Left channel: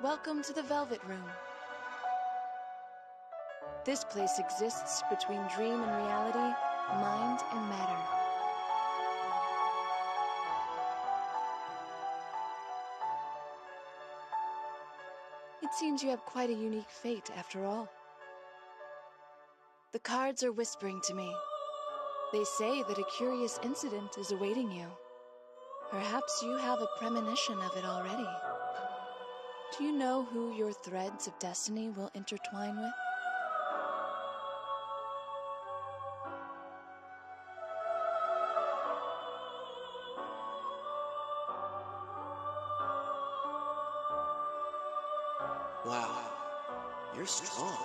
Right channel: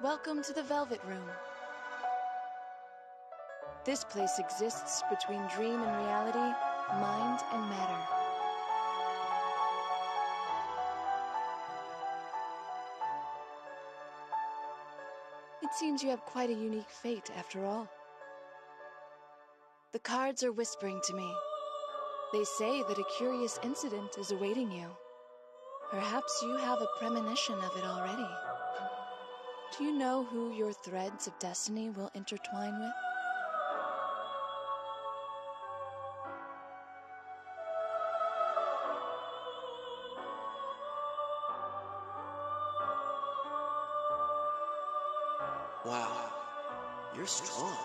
Welcome to the Velvet Room. This place exists between dream and reality, mind and matter. It seems you have quite a unique fate, after all. The cards are whispering to me. They say that a curious incident is awaiting you. Perhaps you have a premonition of it already. Do you know who your threads of destiny will intertwine with? Wow, you're strong.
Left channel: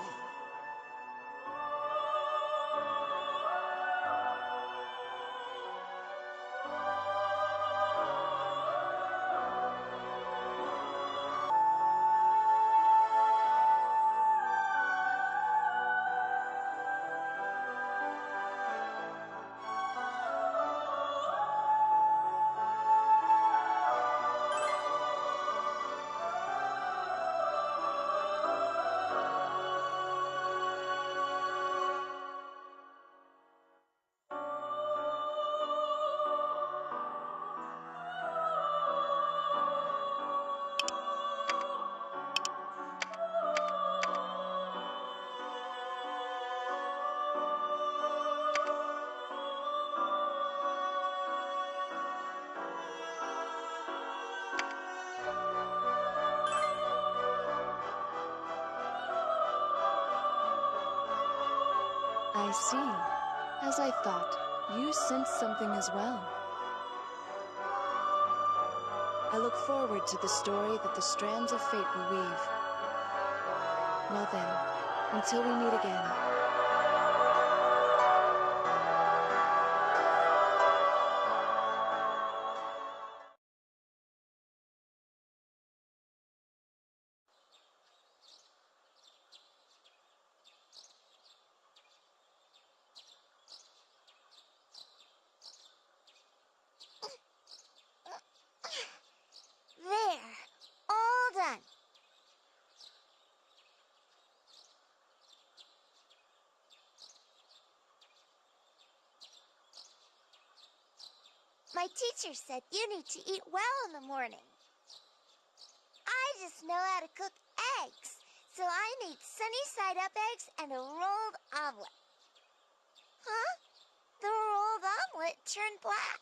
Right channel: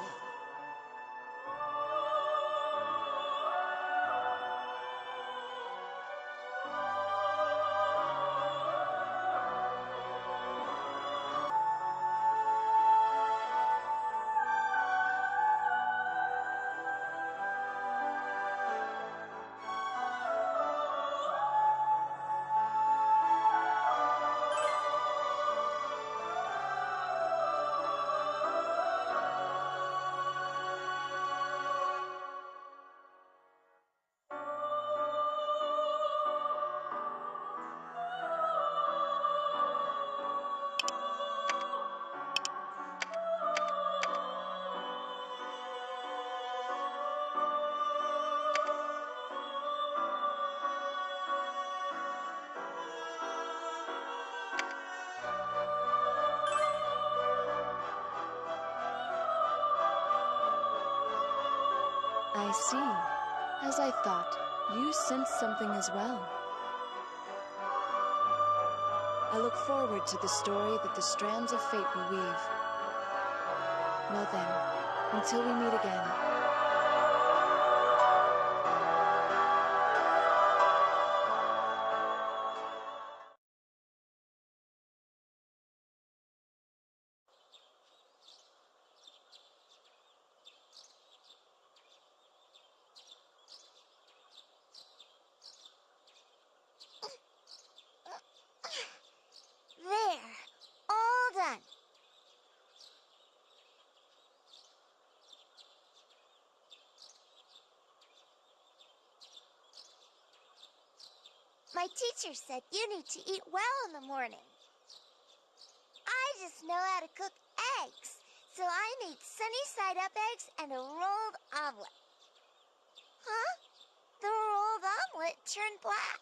I see. As I thought, you sense something as well. I look forward to the story that the strands of fate will weave. Well then, until we meet again. There, all done. My teacher said you need to eat well in the morning. I just know how to cook eggs, so I need sunny-side-up eggs and a rolled omelet. Huh? The rolled omelet turned black.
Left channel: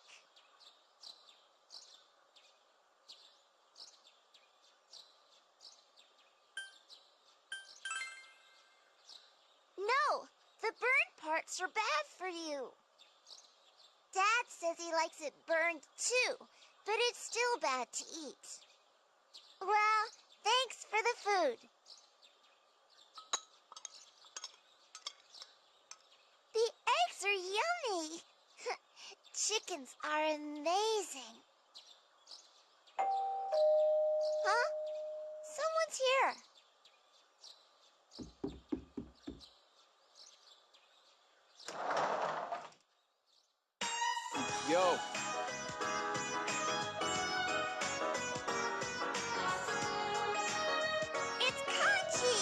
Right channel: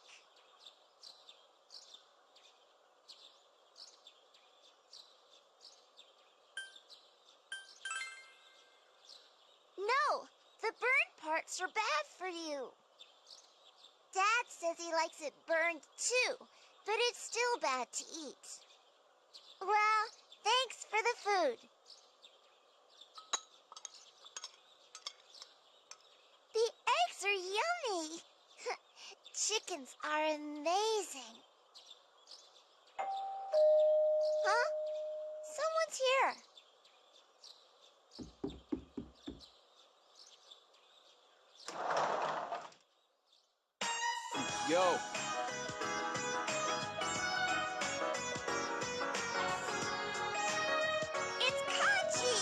No, the burned parts are bad for you. Dad says he likes it burned too, but it's still bad to eat. Well, thanks for the food. The eggs are yummy. Chickens are amazing. Huh? Someone's here. Yo. It's Kanji.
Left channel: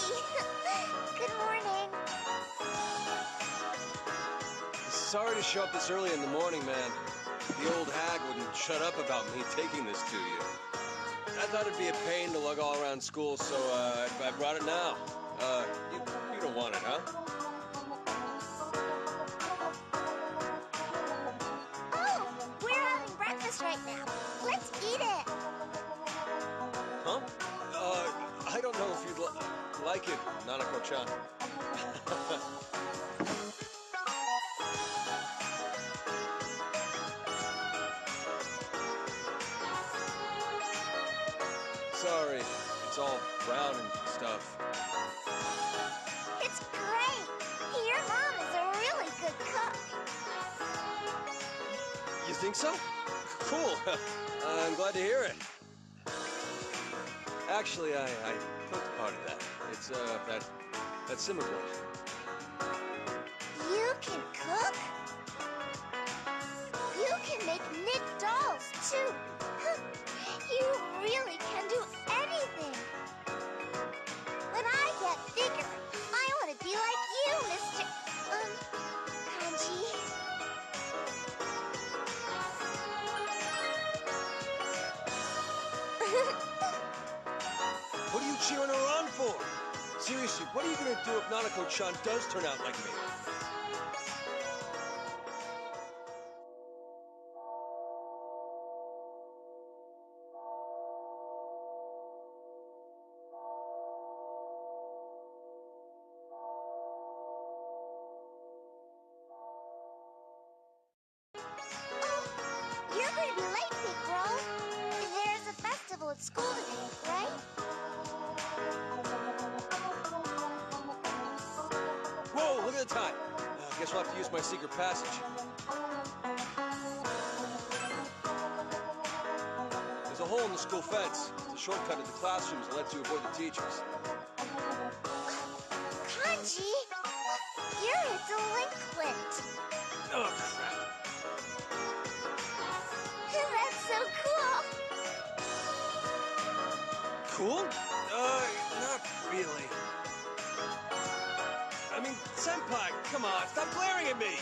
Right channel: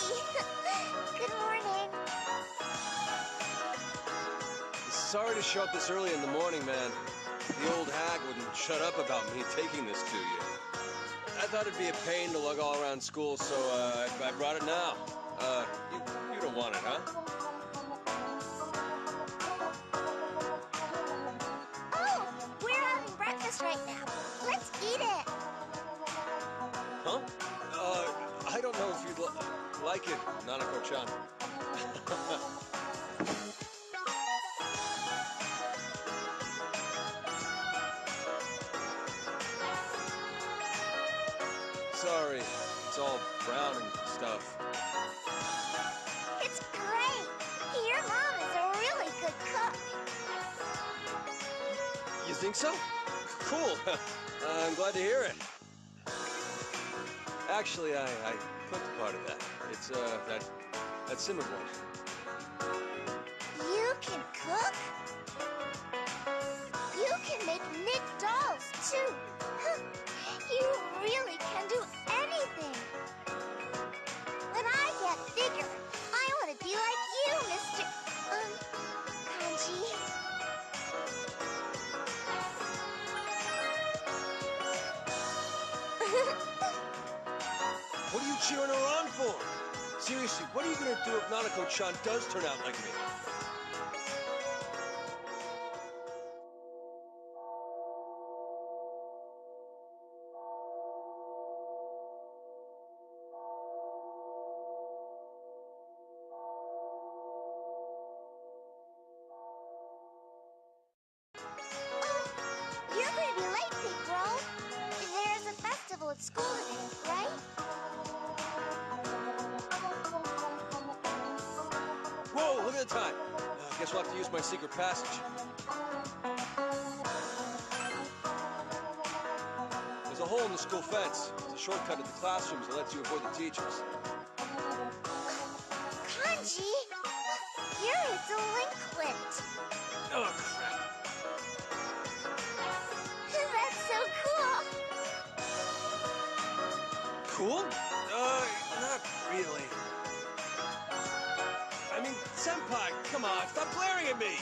Good morning. Sorry to show up this early in the morning, man. The old hag wouldn't shut up about me taking this to you. I thought it'd be a pain to lug all around school, so I brought it now. You don't want it, huh? Oh, we're having breakfast right now. Let's eat it. Huh? I don't know if you'd like it, Nanako-chan. Sorry, it's all brown and stuff. It's great. Your mom is a really good cook. You think so? Cool. I'm glad to hear it. Actually, I cooked part of that. It's, that simmered one. You can cook? You can make knit dolls, too. You really can do anything. When I get bigger, I want to be like you, Mr. Kanji. What are you cheering her on for? Seriously, what are you gonna do if Nanako-chan does turn out like me? Oh, you're going to be late, Big Bro. There's a festival at school today, right? Whoa, look at the time. Guess we'll have to use my secret passage. There's a hole in the school fence. It's a shortcut to the classrooms that lets you avoid the teachers. Kanji, you're a delinquent. Oh, crap. That's so cool. Cool? Not really. I mean, Senpai, come on, stop glaring at me!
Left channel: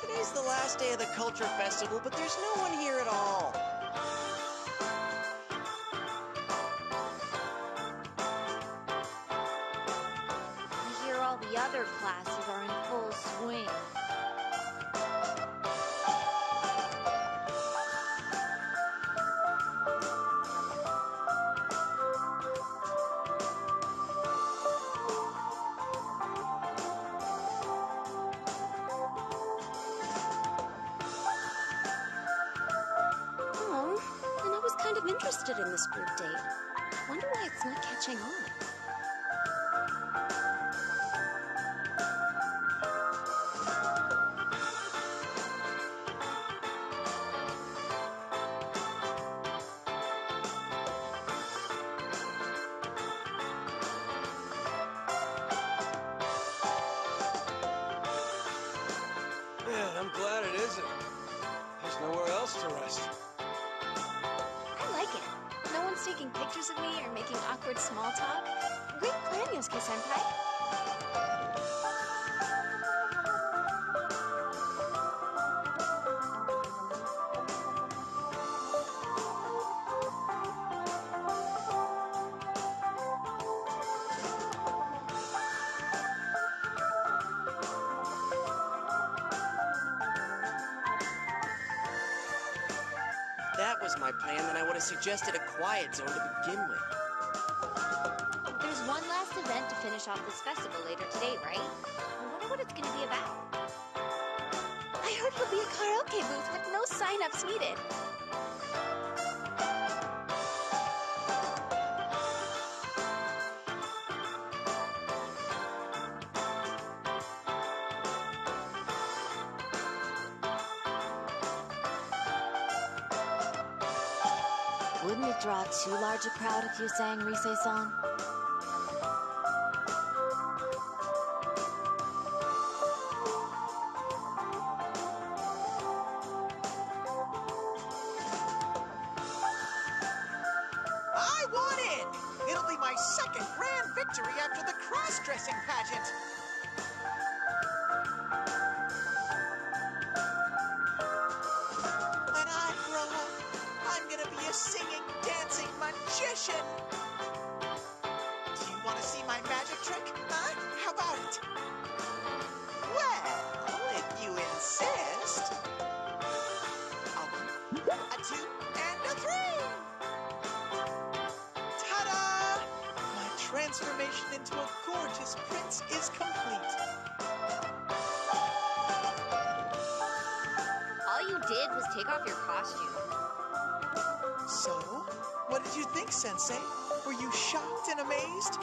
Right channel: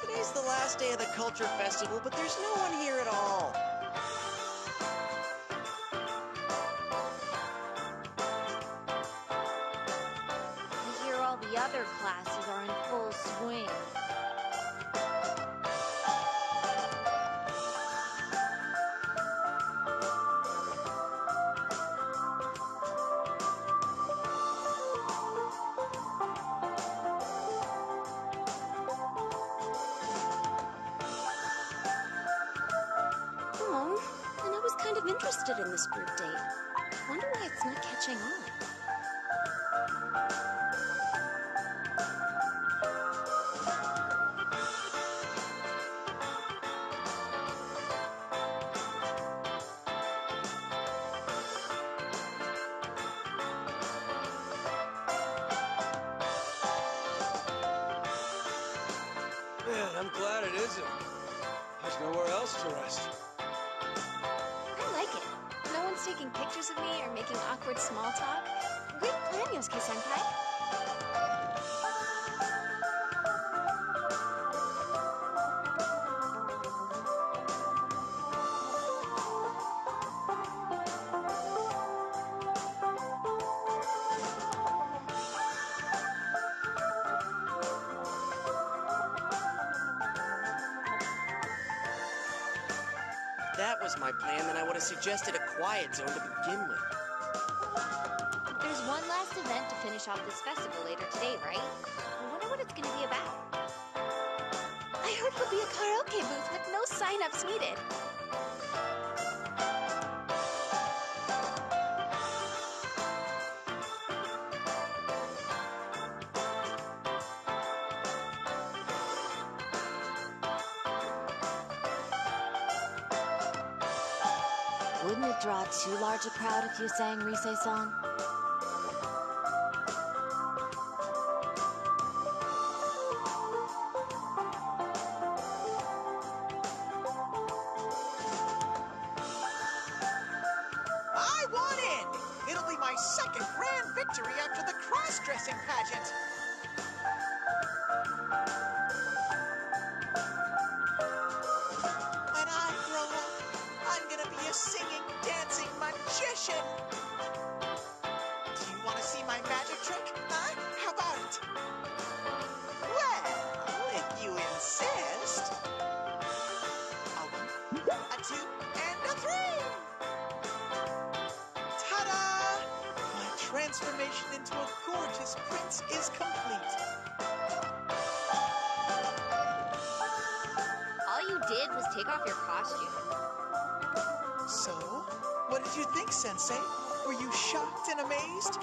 Today's the last day of the Culture Festival, but there's no one here at all. I hear all the other classes are in full swing. I'm interested in this group date. Wonder why it's not catching on. Man, I'm glad it isn't. There's nowhere else to rest. I like it. No one's taking pictures of me or making awkward small talk. Great plan, Yosuke-senpai. If that was my plan, then I would have suggested a quiet zone to begin with. There's one last event to finish off this festival later today, right? I wonder what it's gonna be about. I heard it'll be a karaoke booth with no sign-ups needed. Wouldn't it draw too large a crowd if you sang Rise-san? I won! It'll be my second grand victory after the cross-dressing pageant. When I grow up, I'm gonna be a singing, dancing magician. Do you want to see my magic trick? Huh? How about it? Well, if you insist. A 1, a 2, and a 3! Ta-da! My transformation into a gorgeous prince is complete. All you did was take off your costume. So, what did you think, Sensei? Were you shocked and amazed?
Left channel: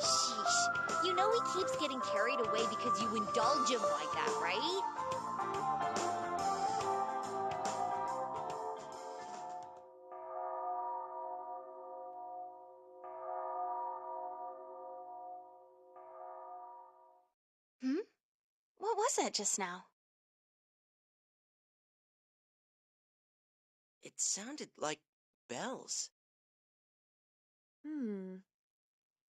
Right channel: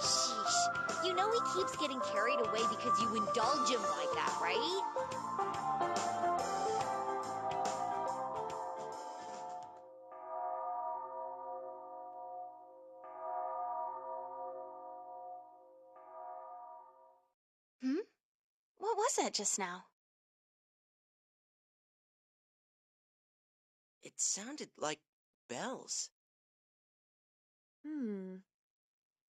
Sheesh. You know he keeps getting carried away because you indulge him like that, right? What was that just now? It sounded like bells.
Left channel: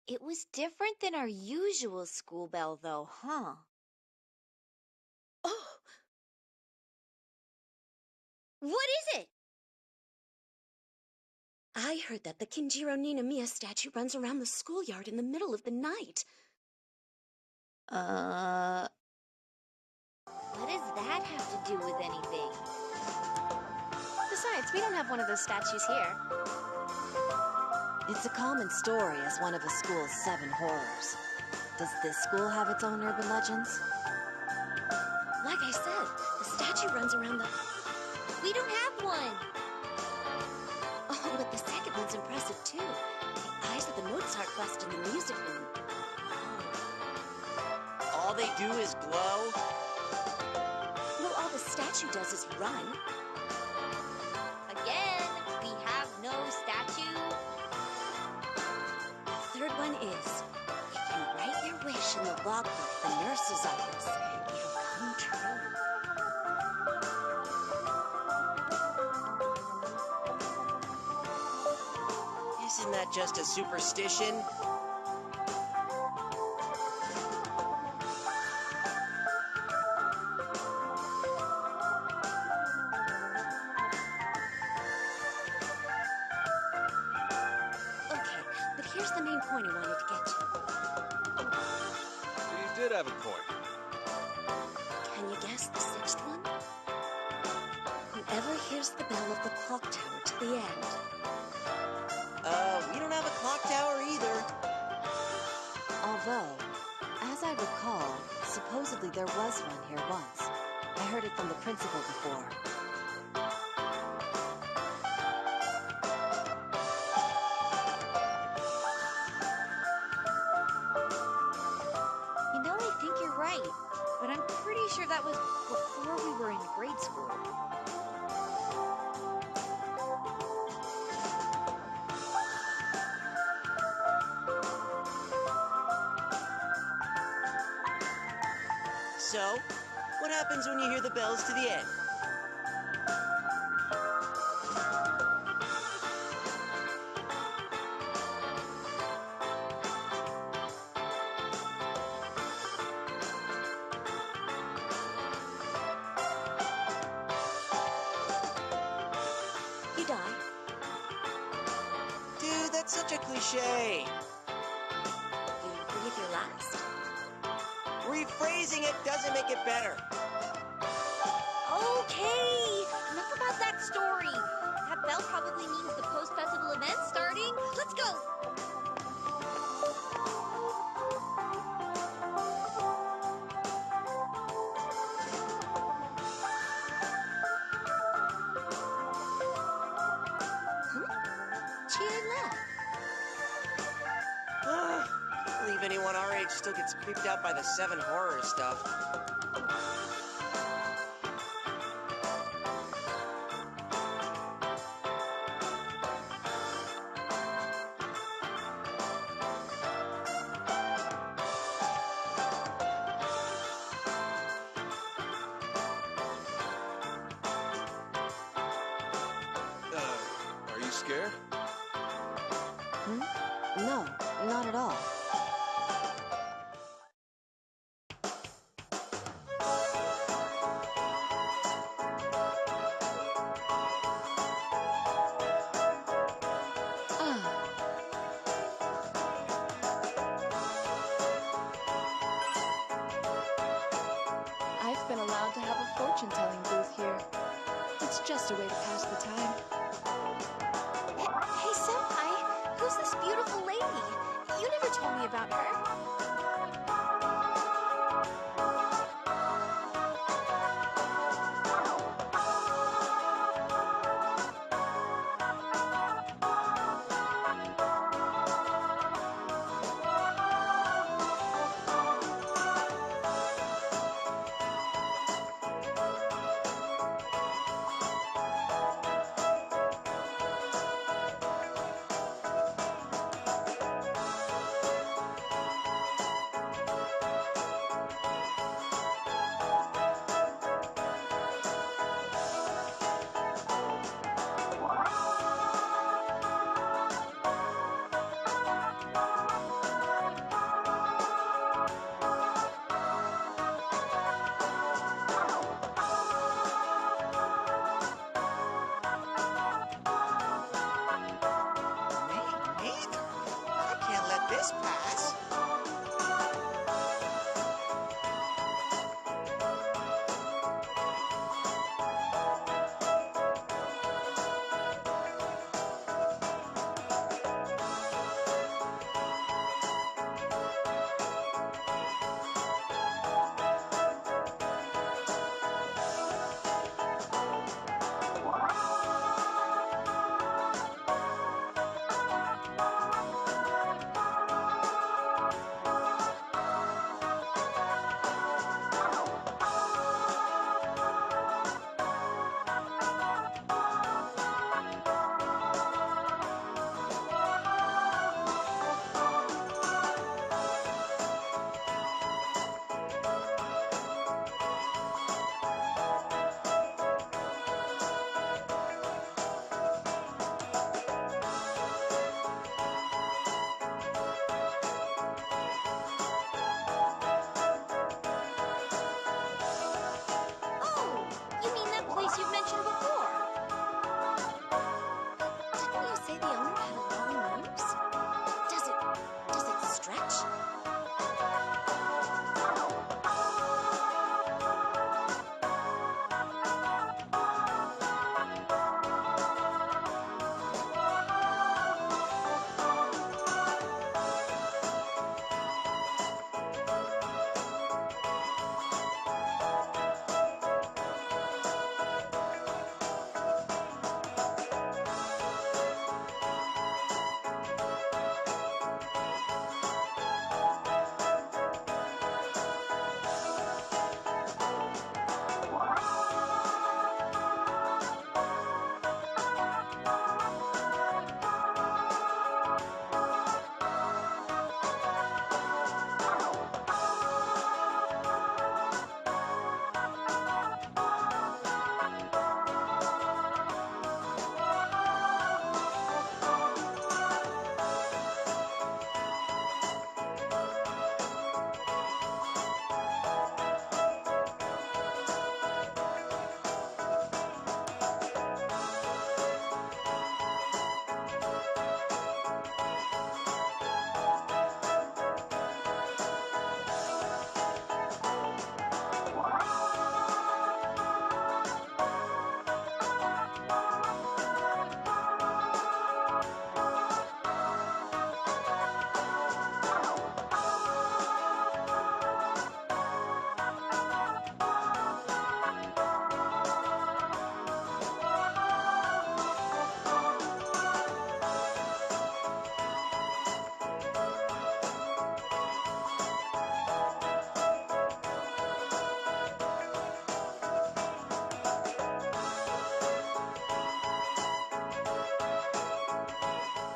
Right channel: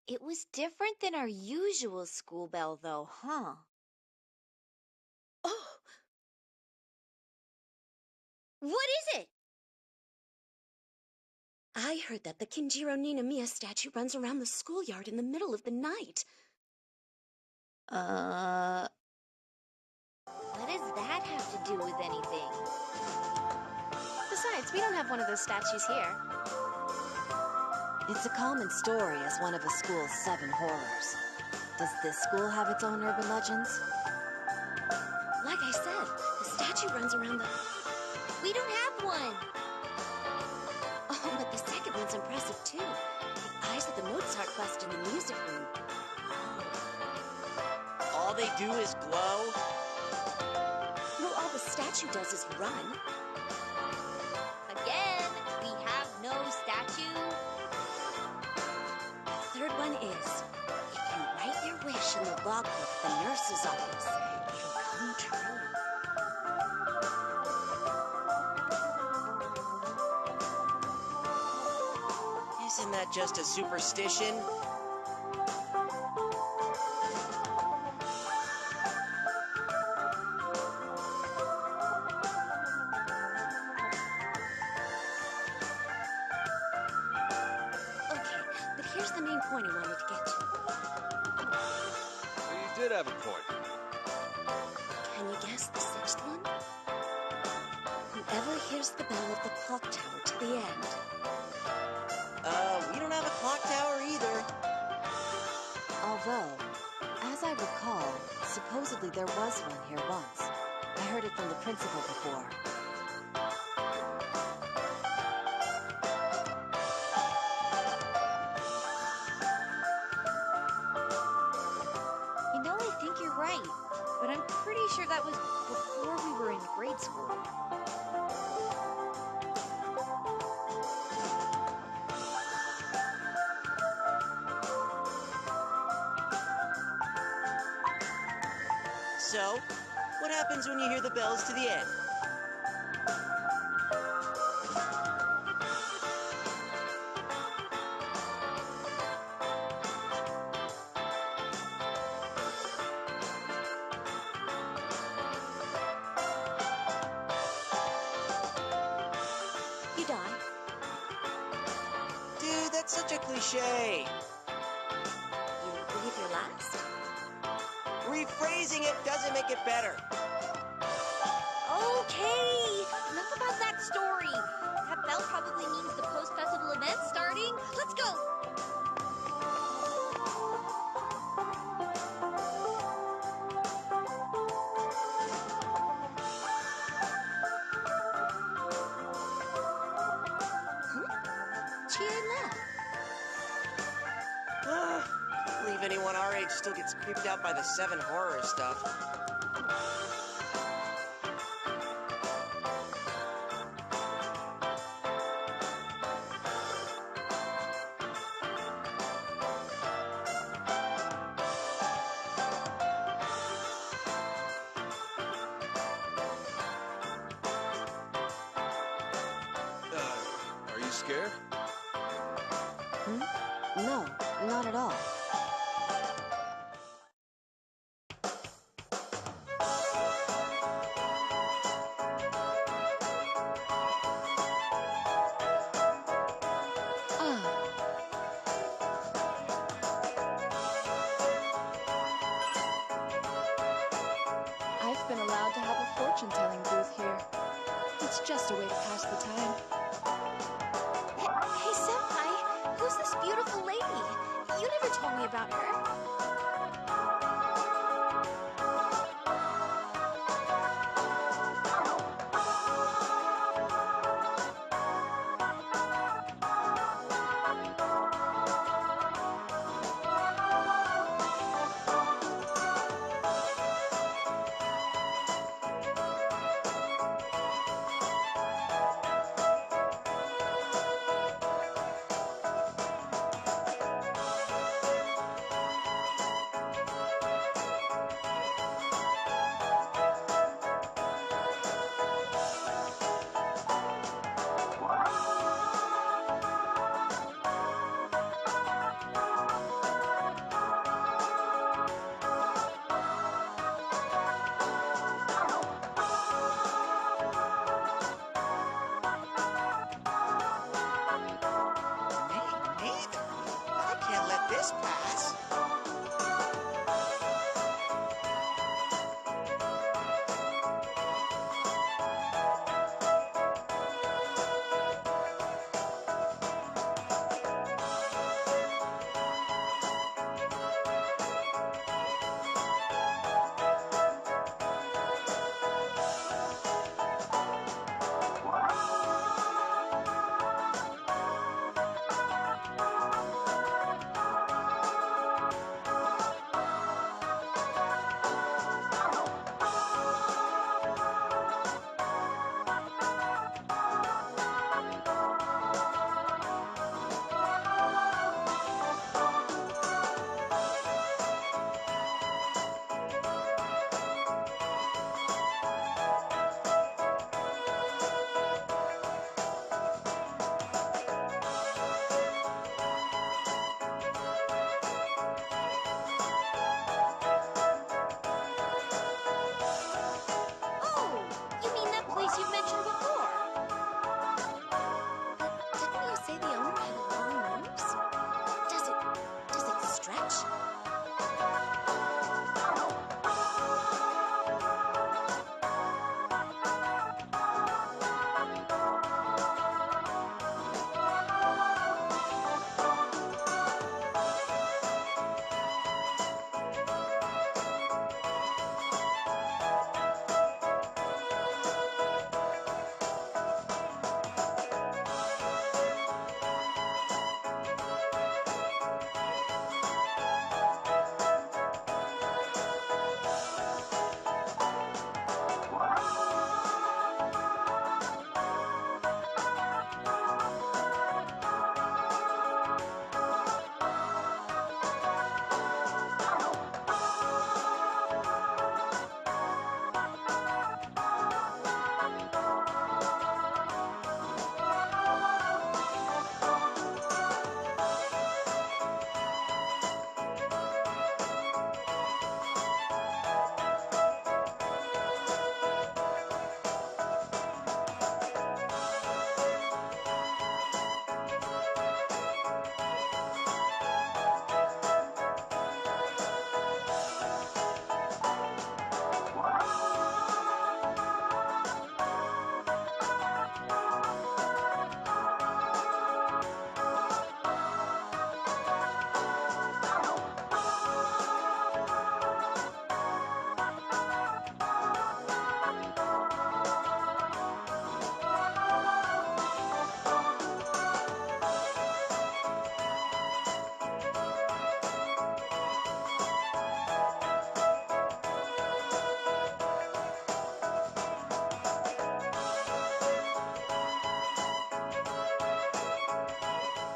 It was different than our usual school bell, though, huh? Oh, What is it? I heard that the Kinjiro Ninamiya statue runs around the schoolyard in the middle of the night. What does that have to do with anything? Besides, we don't have one of those statues here. It's a common story as one of a school's 7 horrors. Does this school have its own urban legends? Like I said, the statue runs around the... We don't have one. Oh, but the second one's impressive, too. The eyes of the Mozart bust in the music room glow. All they do is glow? Well, all the statue does is run. Again, we have no statue. The third one is, if you write your wish in the logbook at the nurse's office, it'll come true. Isn't that just a superstition? here's the main point I wanted to get to. So you did have a point. Can you guess the sixth one? Whoever hears the bell of the clock tower to the end. We don't have a clock tower either. Although, as I recall, supposedly there was one here once. I heard it from the principal before. You know, I think you're right, but I'm pretty sure that was before we were in grade school. So, what happens when you hear the bells to the end? You die. Dude, that's such a cliche. You breathe your last? Rephrasing it doesn't make it better. Okay, enough about that story. That bell probably means the post-festival event's starting. Let's go! Huh? Chia left. Can't believe anyone our age still gets creeped out by the 7 horror stuff. Are you scared? No, not at all. Ah. I've been allowed to have a fortune-telling booth here. It's just a way to pass the time. Hey, Senpai, who's this beautiful lady? You never told me about her. Me neither. I can't let this pass. Oh, you mean that place you've mentioned before? But didn't you say the owner had a long nose? Does it stretch?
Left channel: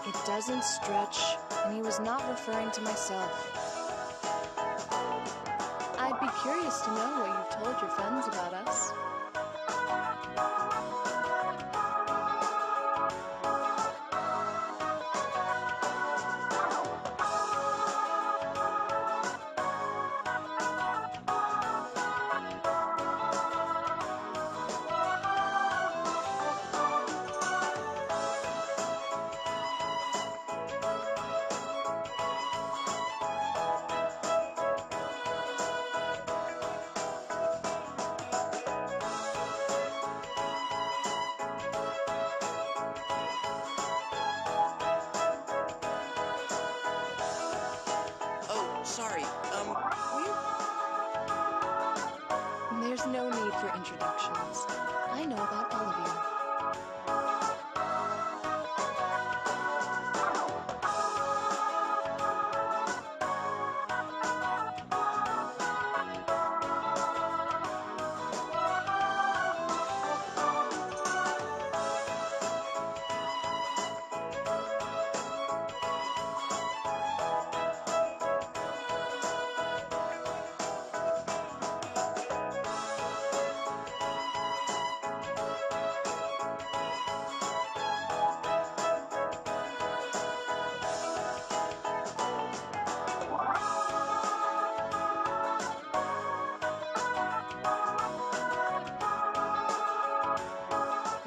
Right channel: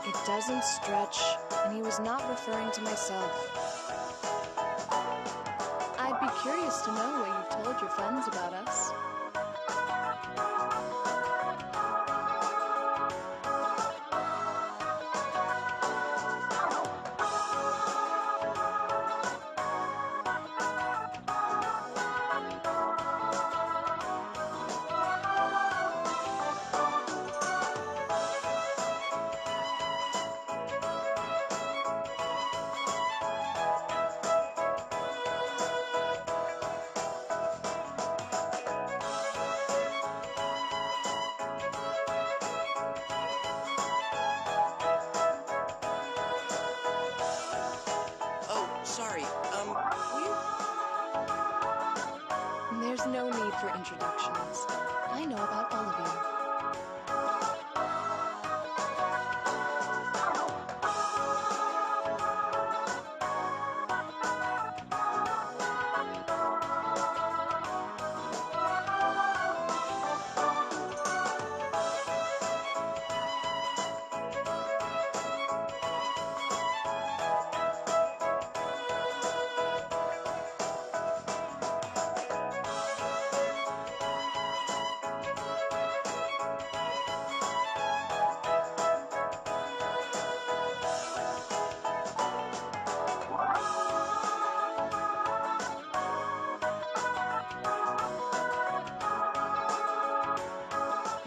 It doesn't stretch, and he was not referring to myself. I'd be curious to know what you've told your friends about us. Oh, sorry. We're... There's no need for introductions. I know about all of you.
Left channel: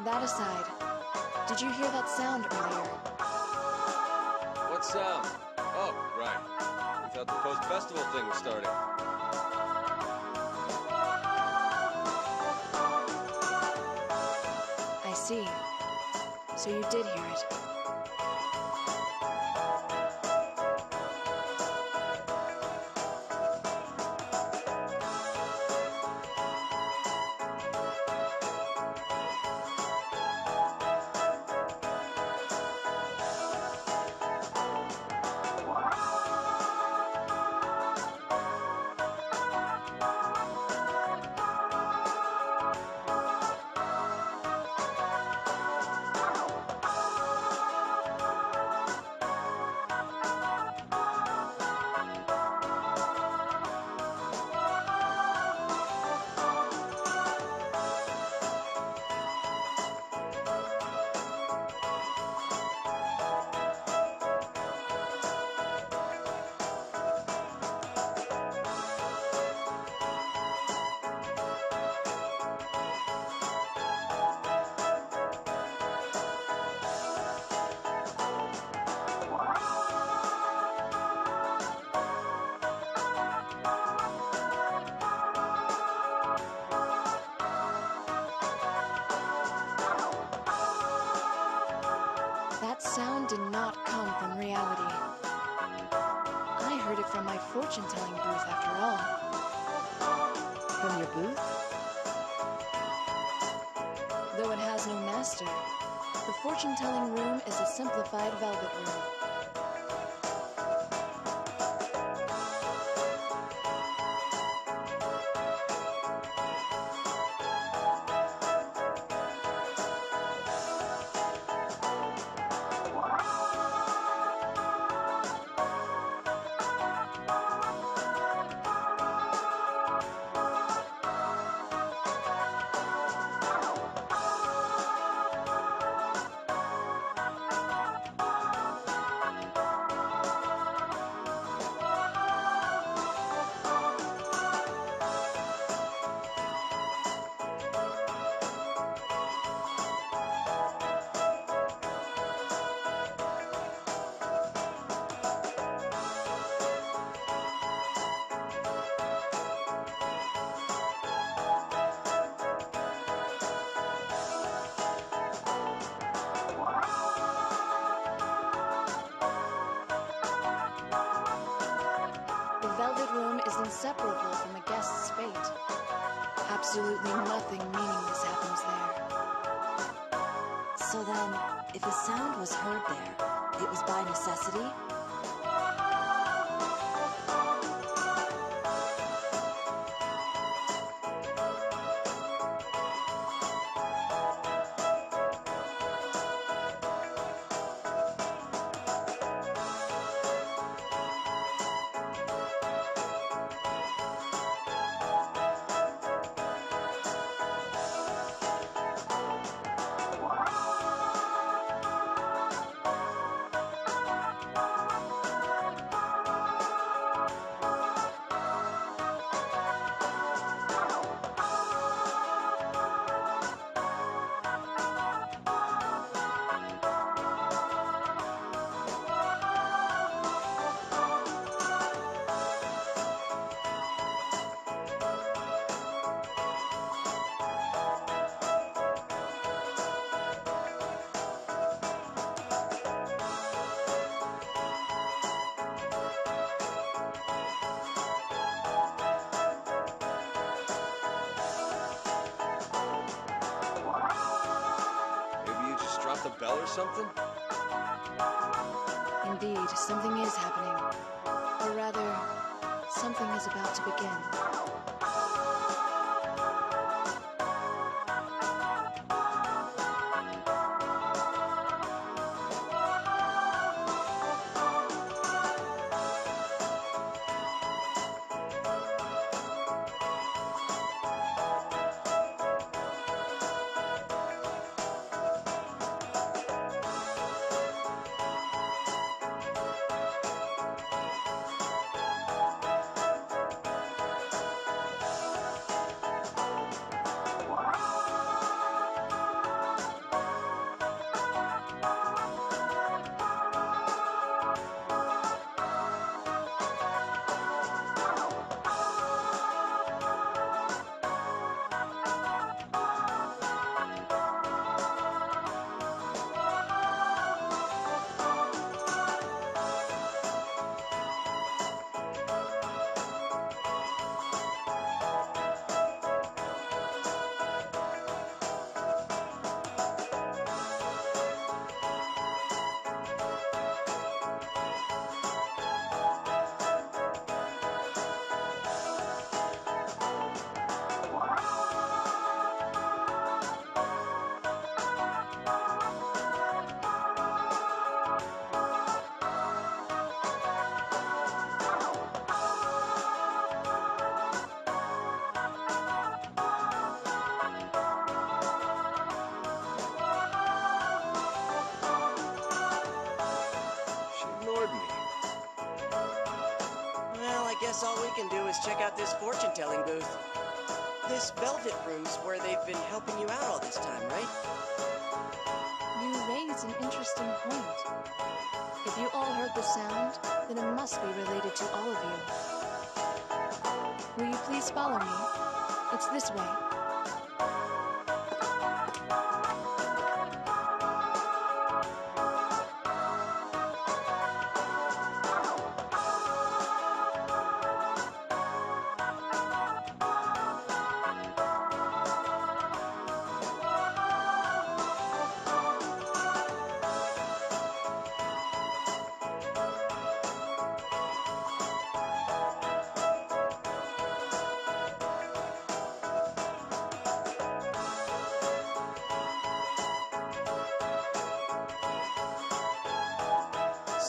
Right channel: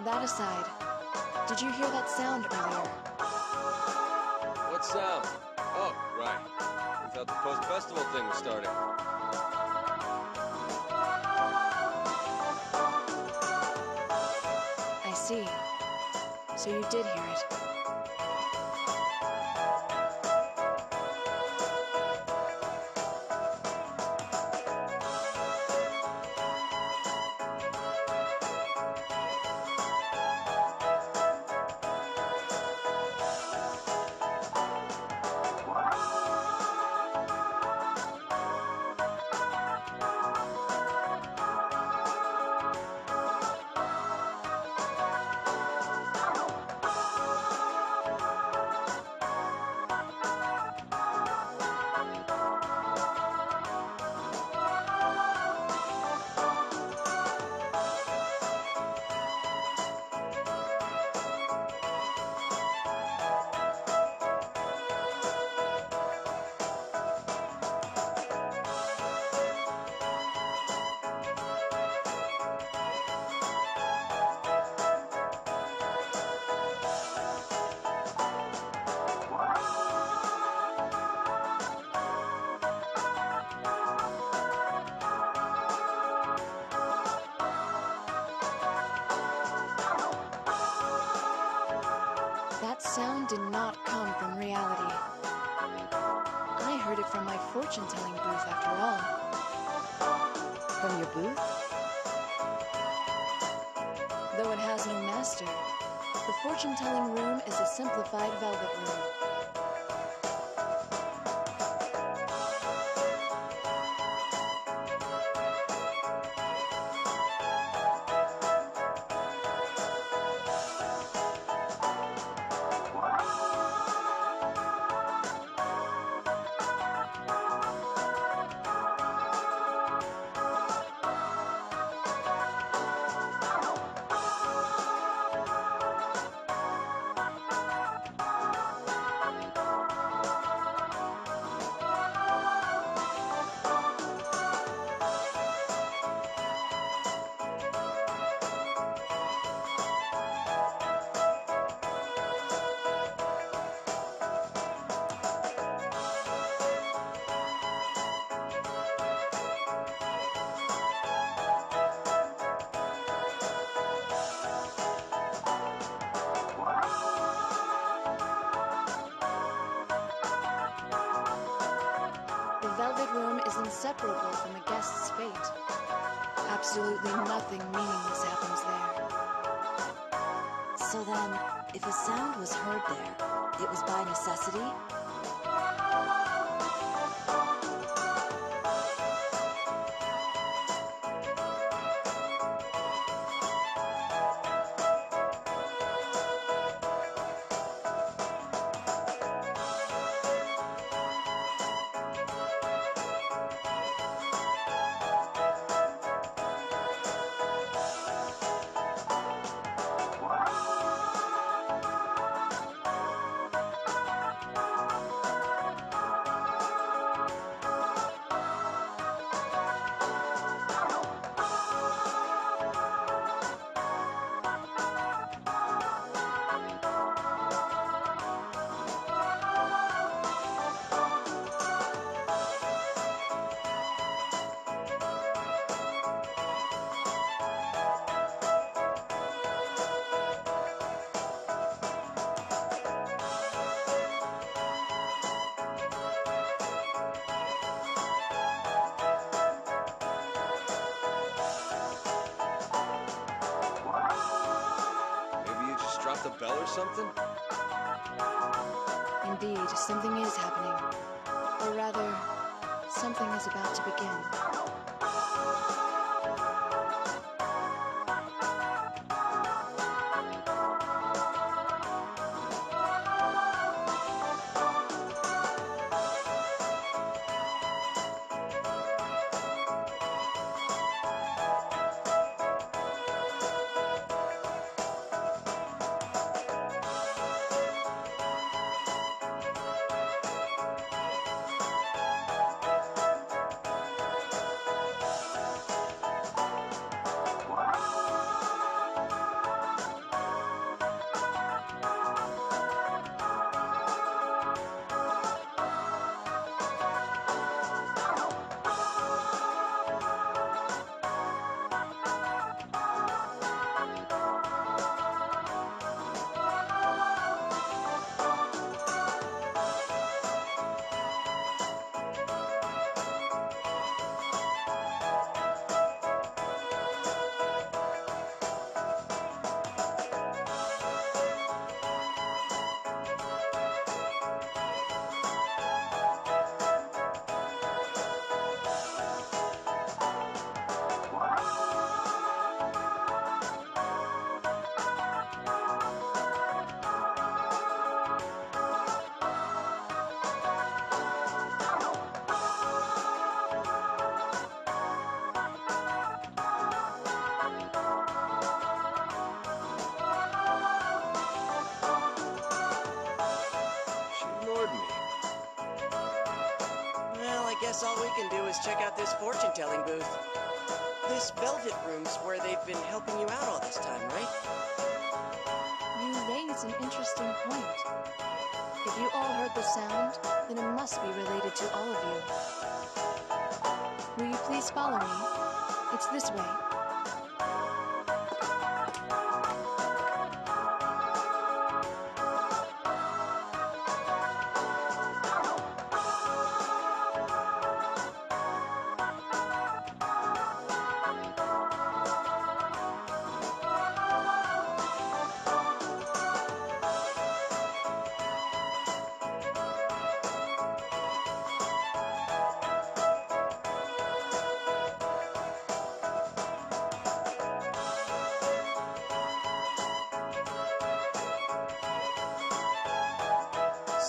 That aside, did you hear that sound earlier? What sound? Oh, right. We thought the post-festival thing was starting. I see. So you did hear it. That sound did not come from reality. I heard it from my fortune-telling booth after all. From your booth? Though it has no master, the fortune-telling room is a simplified velvet room. The velvet room is inseparable from a guest's fate. Absolutely nothing meaningless happens there. So then, if a sound was heard there, it was by necessity? Maybe you just dropped a bell or something? Indeed, something is happening. Or rather, something is about to begin. She ignored me. Well, I guess all we can do is check out this fortune-telling booth. This velvet room's where they've been helping you out all this time, right? You raise an interesting point. If you all heard the sound, then it must be related to all of you. Will you please follow me? It's this way.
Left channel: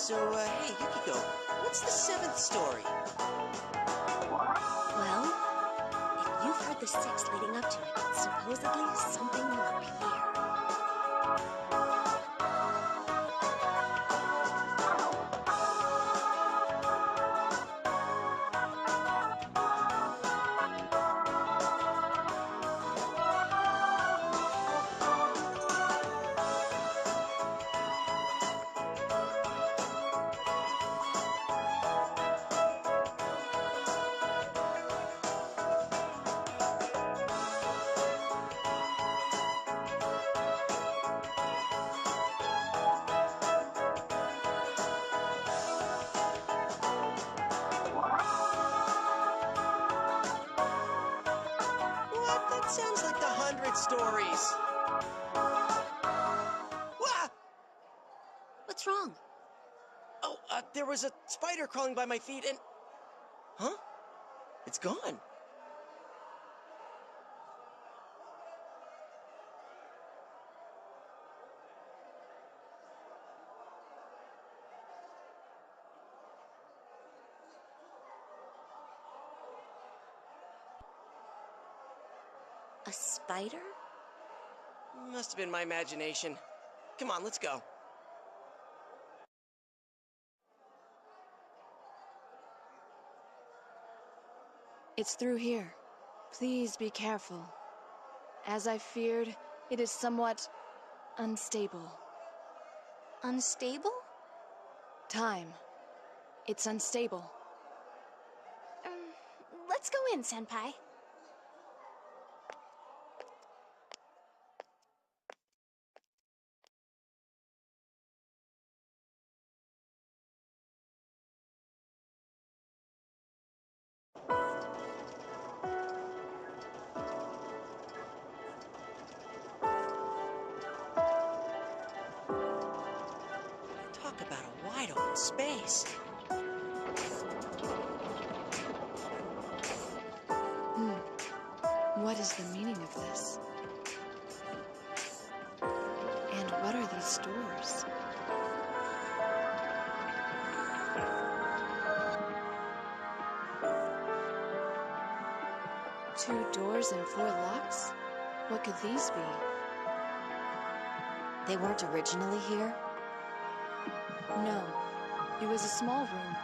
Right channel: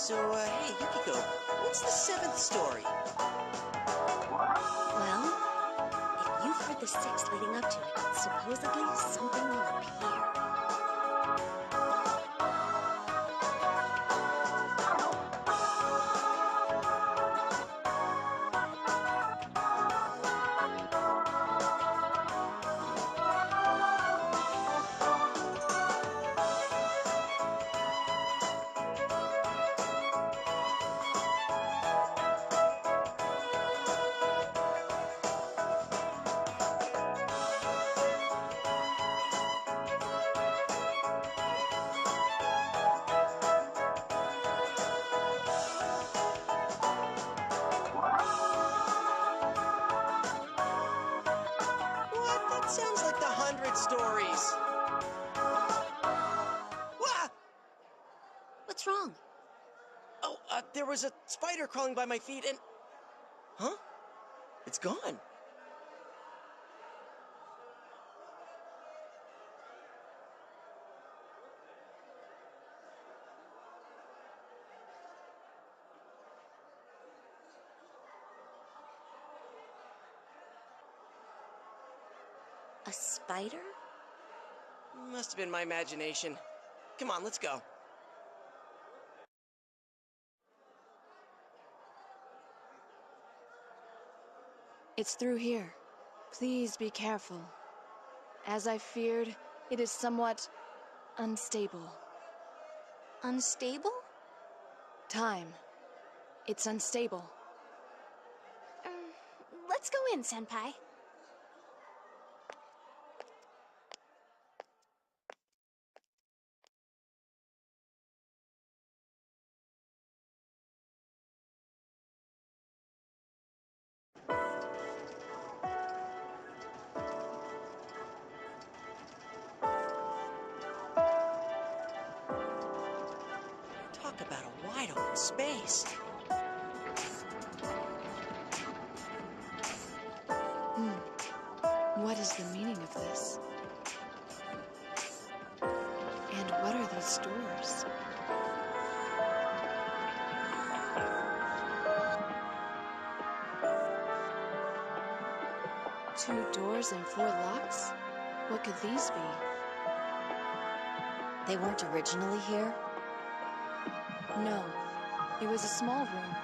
So, hey, Yukiko, what's the seventh story? Well, if you've heard the six leading up to it, supposedly something will appear. What? That sounds like the 100 stories. Wah! What's wrong? Oh, there was a spider crawling by my feet and... Huh? It's gone. A spider? Must have been my imagination. Come on, let's go. It's through here. Please be careful. As I feared, it is somewhat unstable. Unstable? Time. It's unstable. Let's go in, Senpai. Talk about a wide open space. What is the meaning of this? And what are these doors? Two doors and four locks? What could these be? They weren't originally here? No. It was a small room,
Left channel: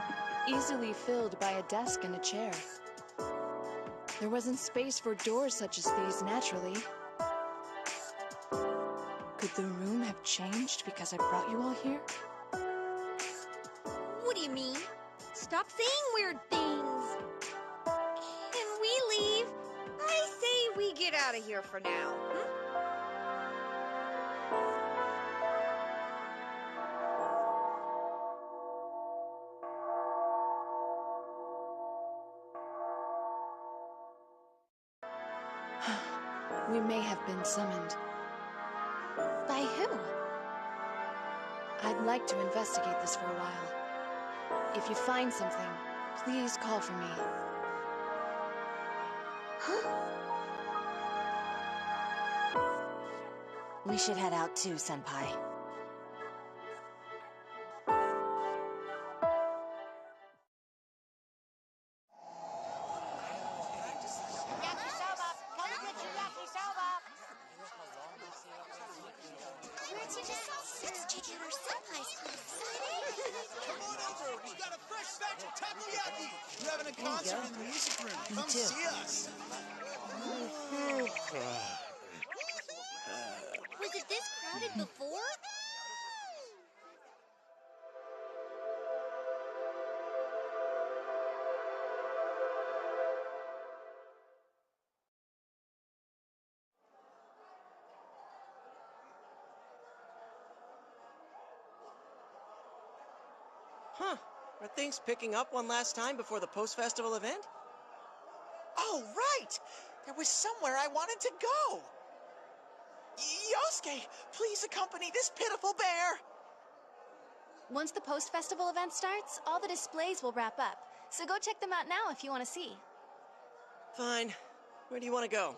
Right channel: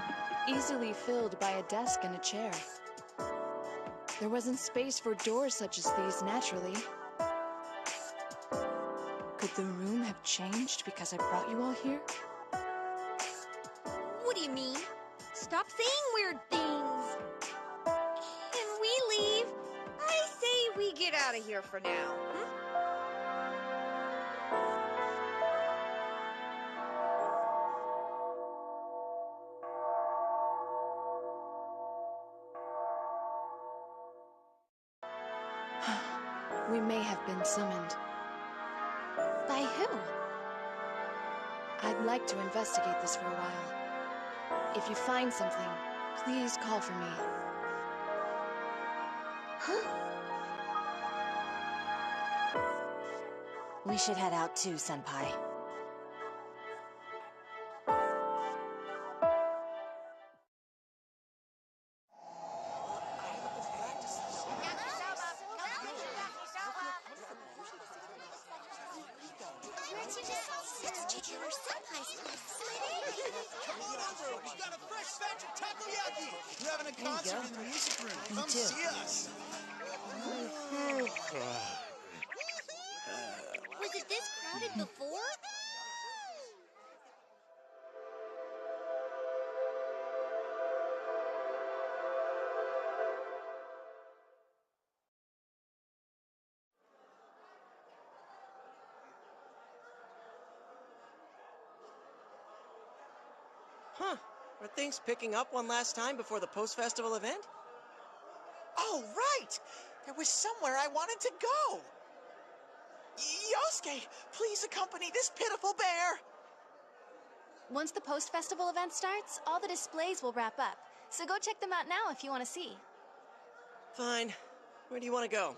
easily filled by a desk and a chair. There wasn't space for doors such as these naturally. Could the room have changed because I brought you all here? What do you mean? Stop saying weird things. Can we leave? I say we get out of here for now. We may have been summoned. By who? I'd like to investigate this for a while. If you find something, please call for me. We should head out too, Senpai. Let's check out our senpai's place. Come on over. We got a fresh batch of takoyaki. We're having a concert in the music room. Come too. see us. Was it this crowded before? Huh. Are things picking up one last time before the post-festival event? Oh, right! There was somewhere I wanted to go! Yosuke, please accompany this pitiful bear! Once the post-festival event starts, all the displays will wrap up. So go check them out now if you want to see. Fine. Where do you want to go?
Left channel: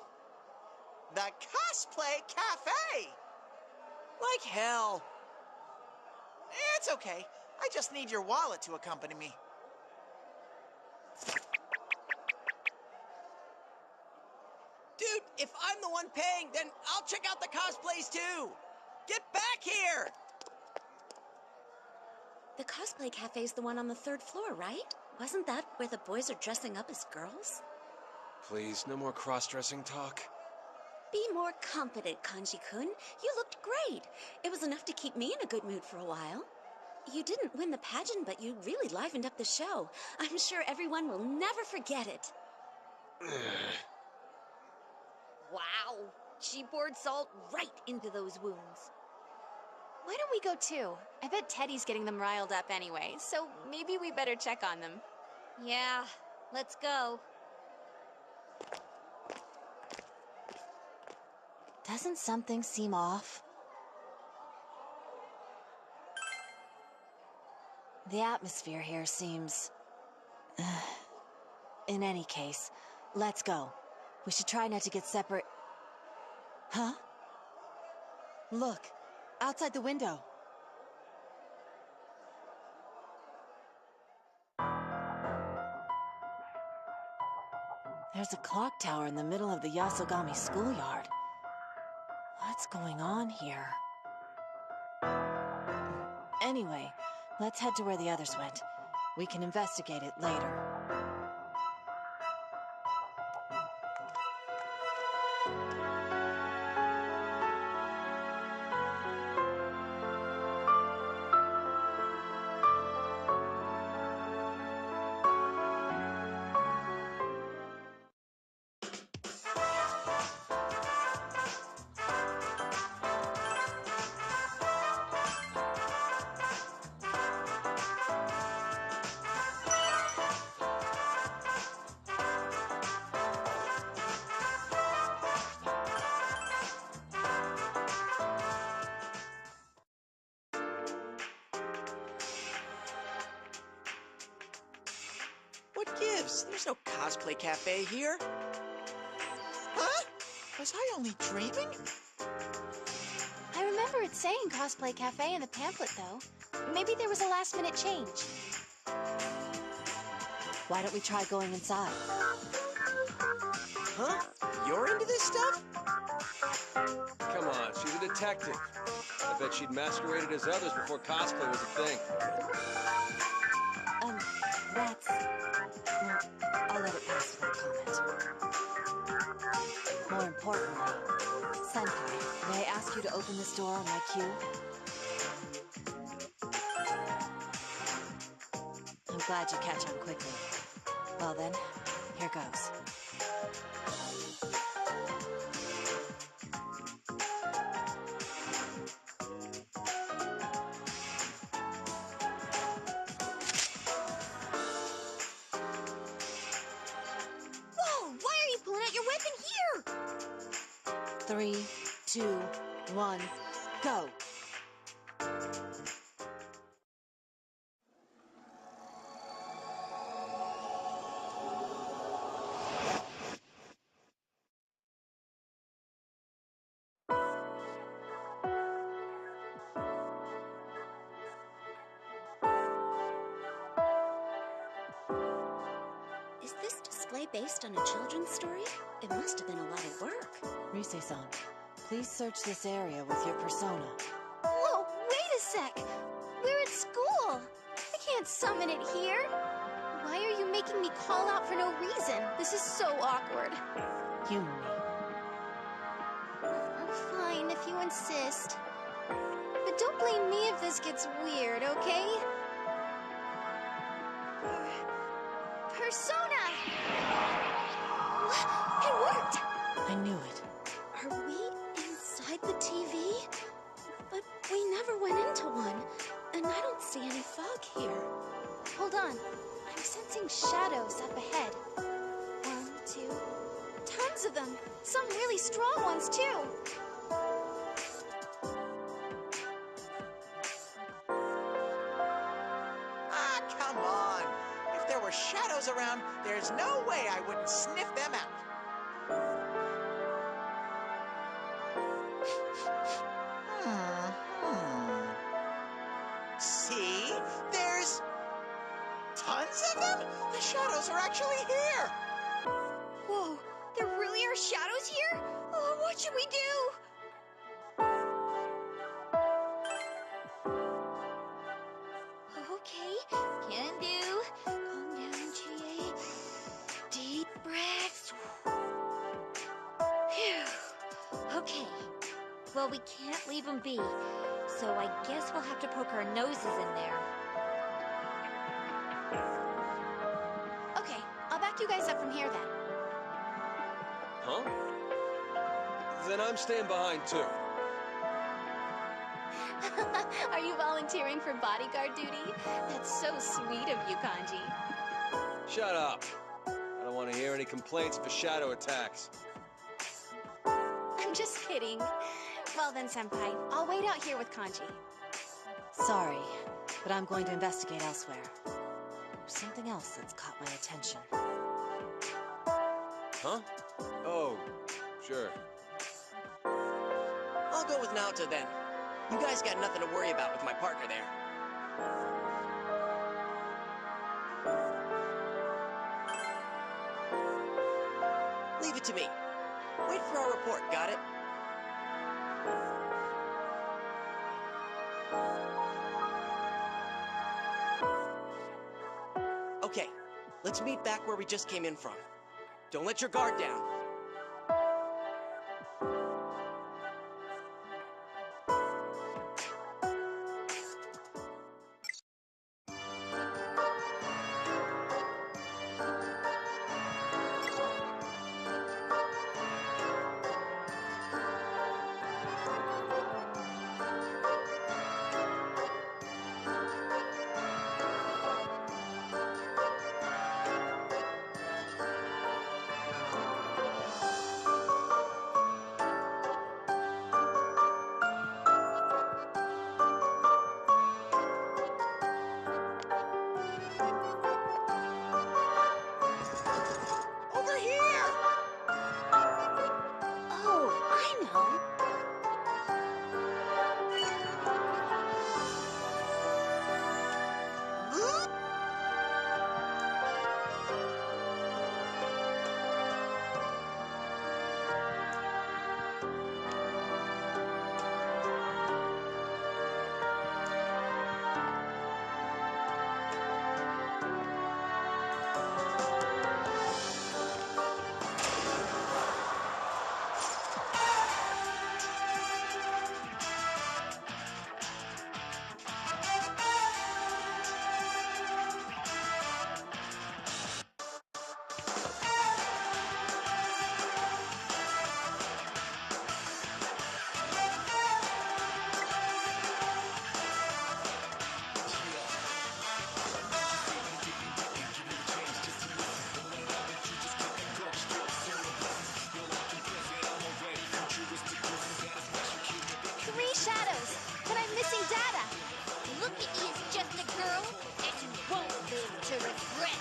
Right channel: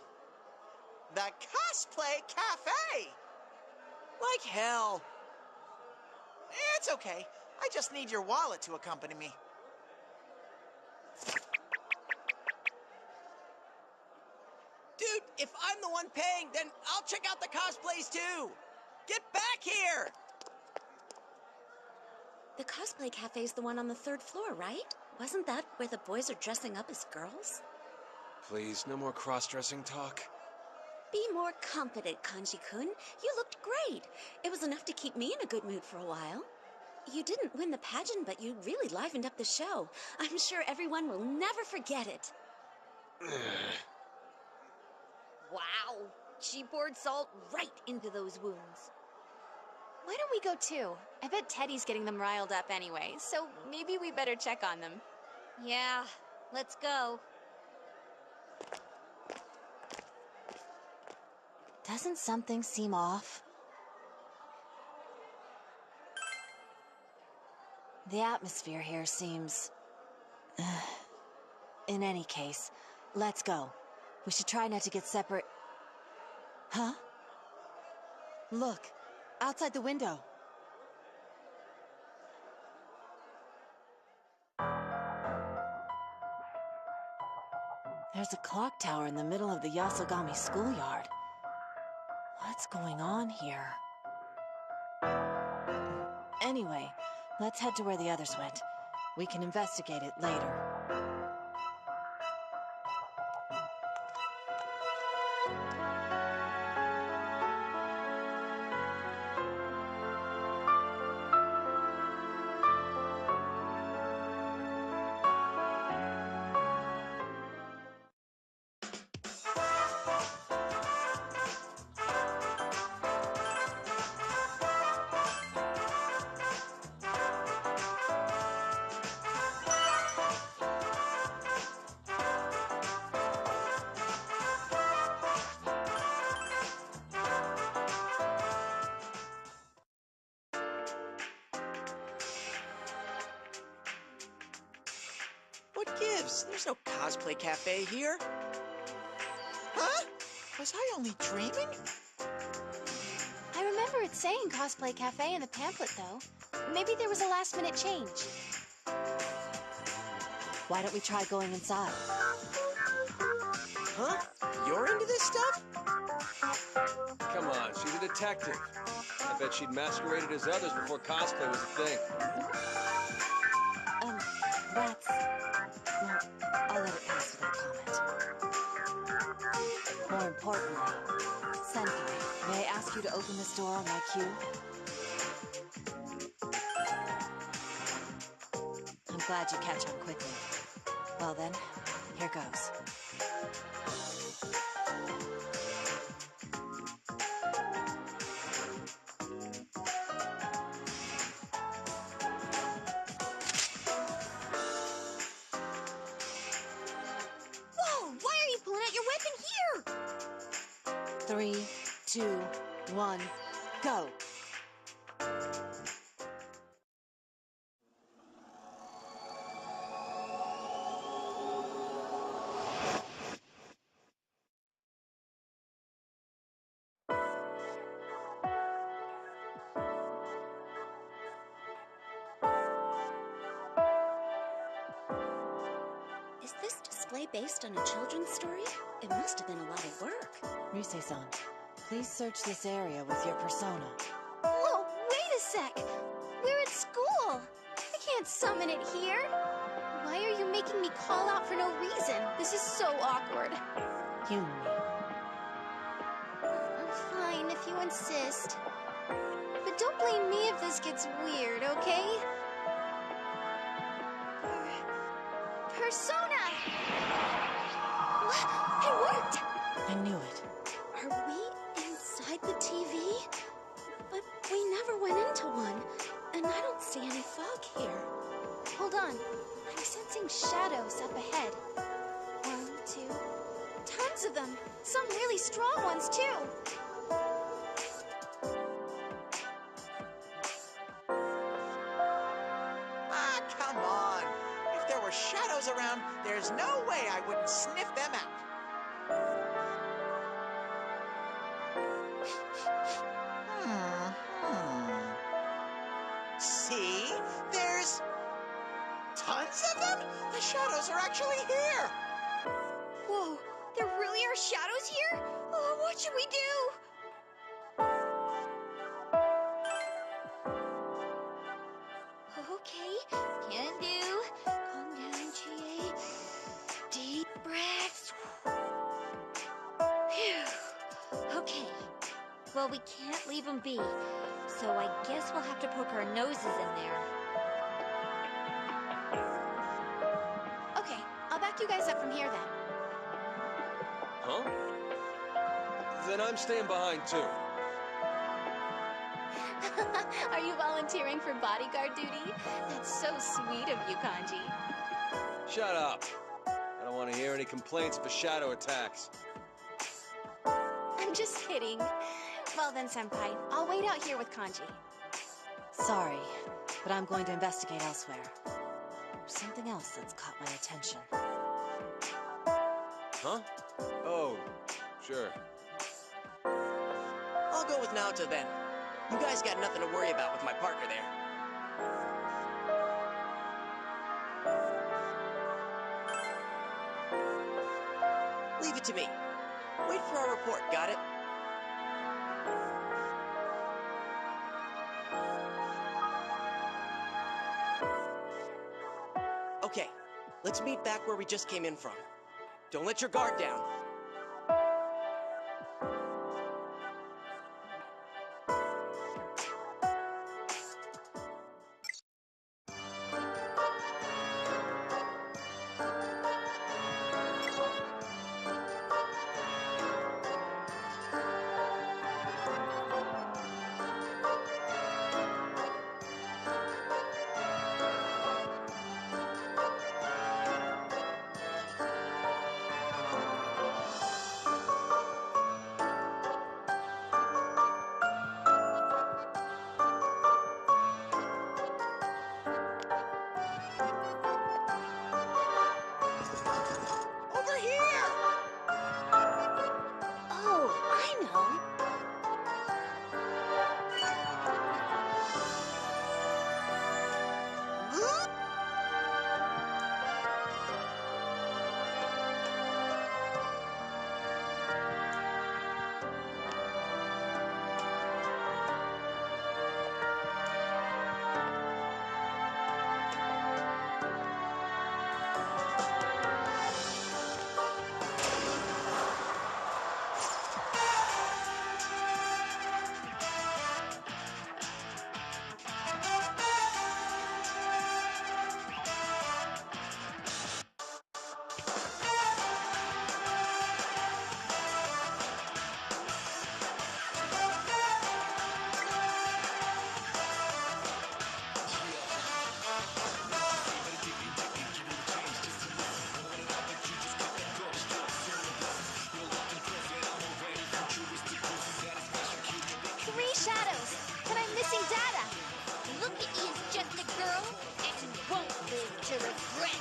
The Cosplay Cafe! Like hell. It's okay. I just need your wallet to accompany me. Dude, if I'm the one paying, then I'll check out the cosplays too! Get back here! The cosplay cafe's the one on the 3rd floor, right? Wasn't that where the boys are dressing up as girls? Please, no more cross-dressing talk. Be more confident, Kanji-kun. You looked great. It was enough to keep me in a good mood for a while. You didn't win the pageant, but you really livened up the show. I'm sure everyone will never forget it. Wow. She poured salt right into those wounds. Why don't we go too? I bet Teddy's getting them riled up anyway, so maybe we better check on them. Yeah, let's go. Doesn't something seem off? The atmosphere here seems... In any case, let's go. We should try not to get separate... Huh? Look, outside the window. There's a clock tower in the middle of the Yasogami schoolyard. What's going on here? Anyway, let's head to where the others went. We can investigate it later. What gives? There's no cosplay cafe here. Huh? Was I only dreaming? I remember it saying Cosplay Cafe in the pamphlet, though. Maybe there was a last-minute change. Why don't we try going inside? Huh? You're into this stuff? Come on, she's a detective. I bet she'd masqueraded as others before cosplay was a thing. That's... Well, I'll let it pass without comment. More importantly, Senpai, may I ask you to open this door on my cue? I'm glad you catch on quickly. Well then, here goes. Whoa, why are you pulling out your weapon here? 3, 2, 1, go! Is this display based on a children's story? It must have been a lot of work. Rise-san, please search this area with your persona. Whoa, wait a sec! We're at school! I can't summon it here! Why are you making me call out for no reason? This is so awkward. Humor me. Fine, if you insist. But don't blame me if this gets weird, okay? Persona! What? It worked! I knew it. Are we inside the TV? But we never went into one, and I don't see any fog here. Hold on. I'm sensing shadows up ahead. 1, 2... Tons of them! Some really strong ones, too! Ah, come on. If there were shadows around, there's no way I wouldn't sniff them out. See? tons of them? The shadows are actually here! Whoa, there really are shadows here? Oh, what should we do? Okay, can do. Calm down, Chie. Deep breaths. Phew. Okay. Well, we can't leave them be. So I guess we'll have to poke our noses in there. Okay, I'll back you guys up from here then. Huh? Then I'm staying behind, too. Are you volunteering for bodyguard duty? That's so sweet of you, Kanji. Shut up. I don't want to hear any complaints for shadow attacks. I'm just kidding. Well then, Senpai, I'll wait out here with Kanji. Sorry, but I'm going to investigate elsewhere. There's something else that's caught my attention. Huh? Oh, sure. I'll go with Naoto then. You guys got nothing to worry about with my partner there. Leave it to me. Wait for our report, got it? Okay, let's meet back where we just came in from. Don't let your guard down. Over here! Oh, I know. Three shadows, but I'm missing data. Look at you, just a girl, and you won't live to regret.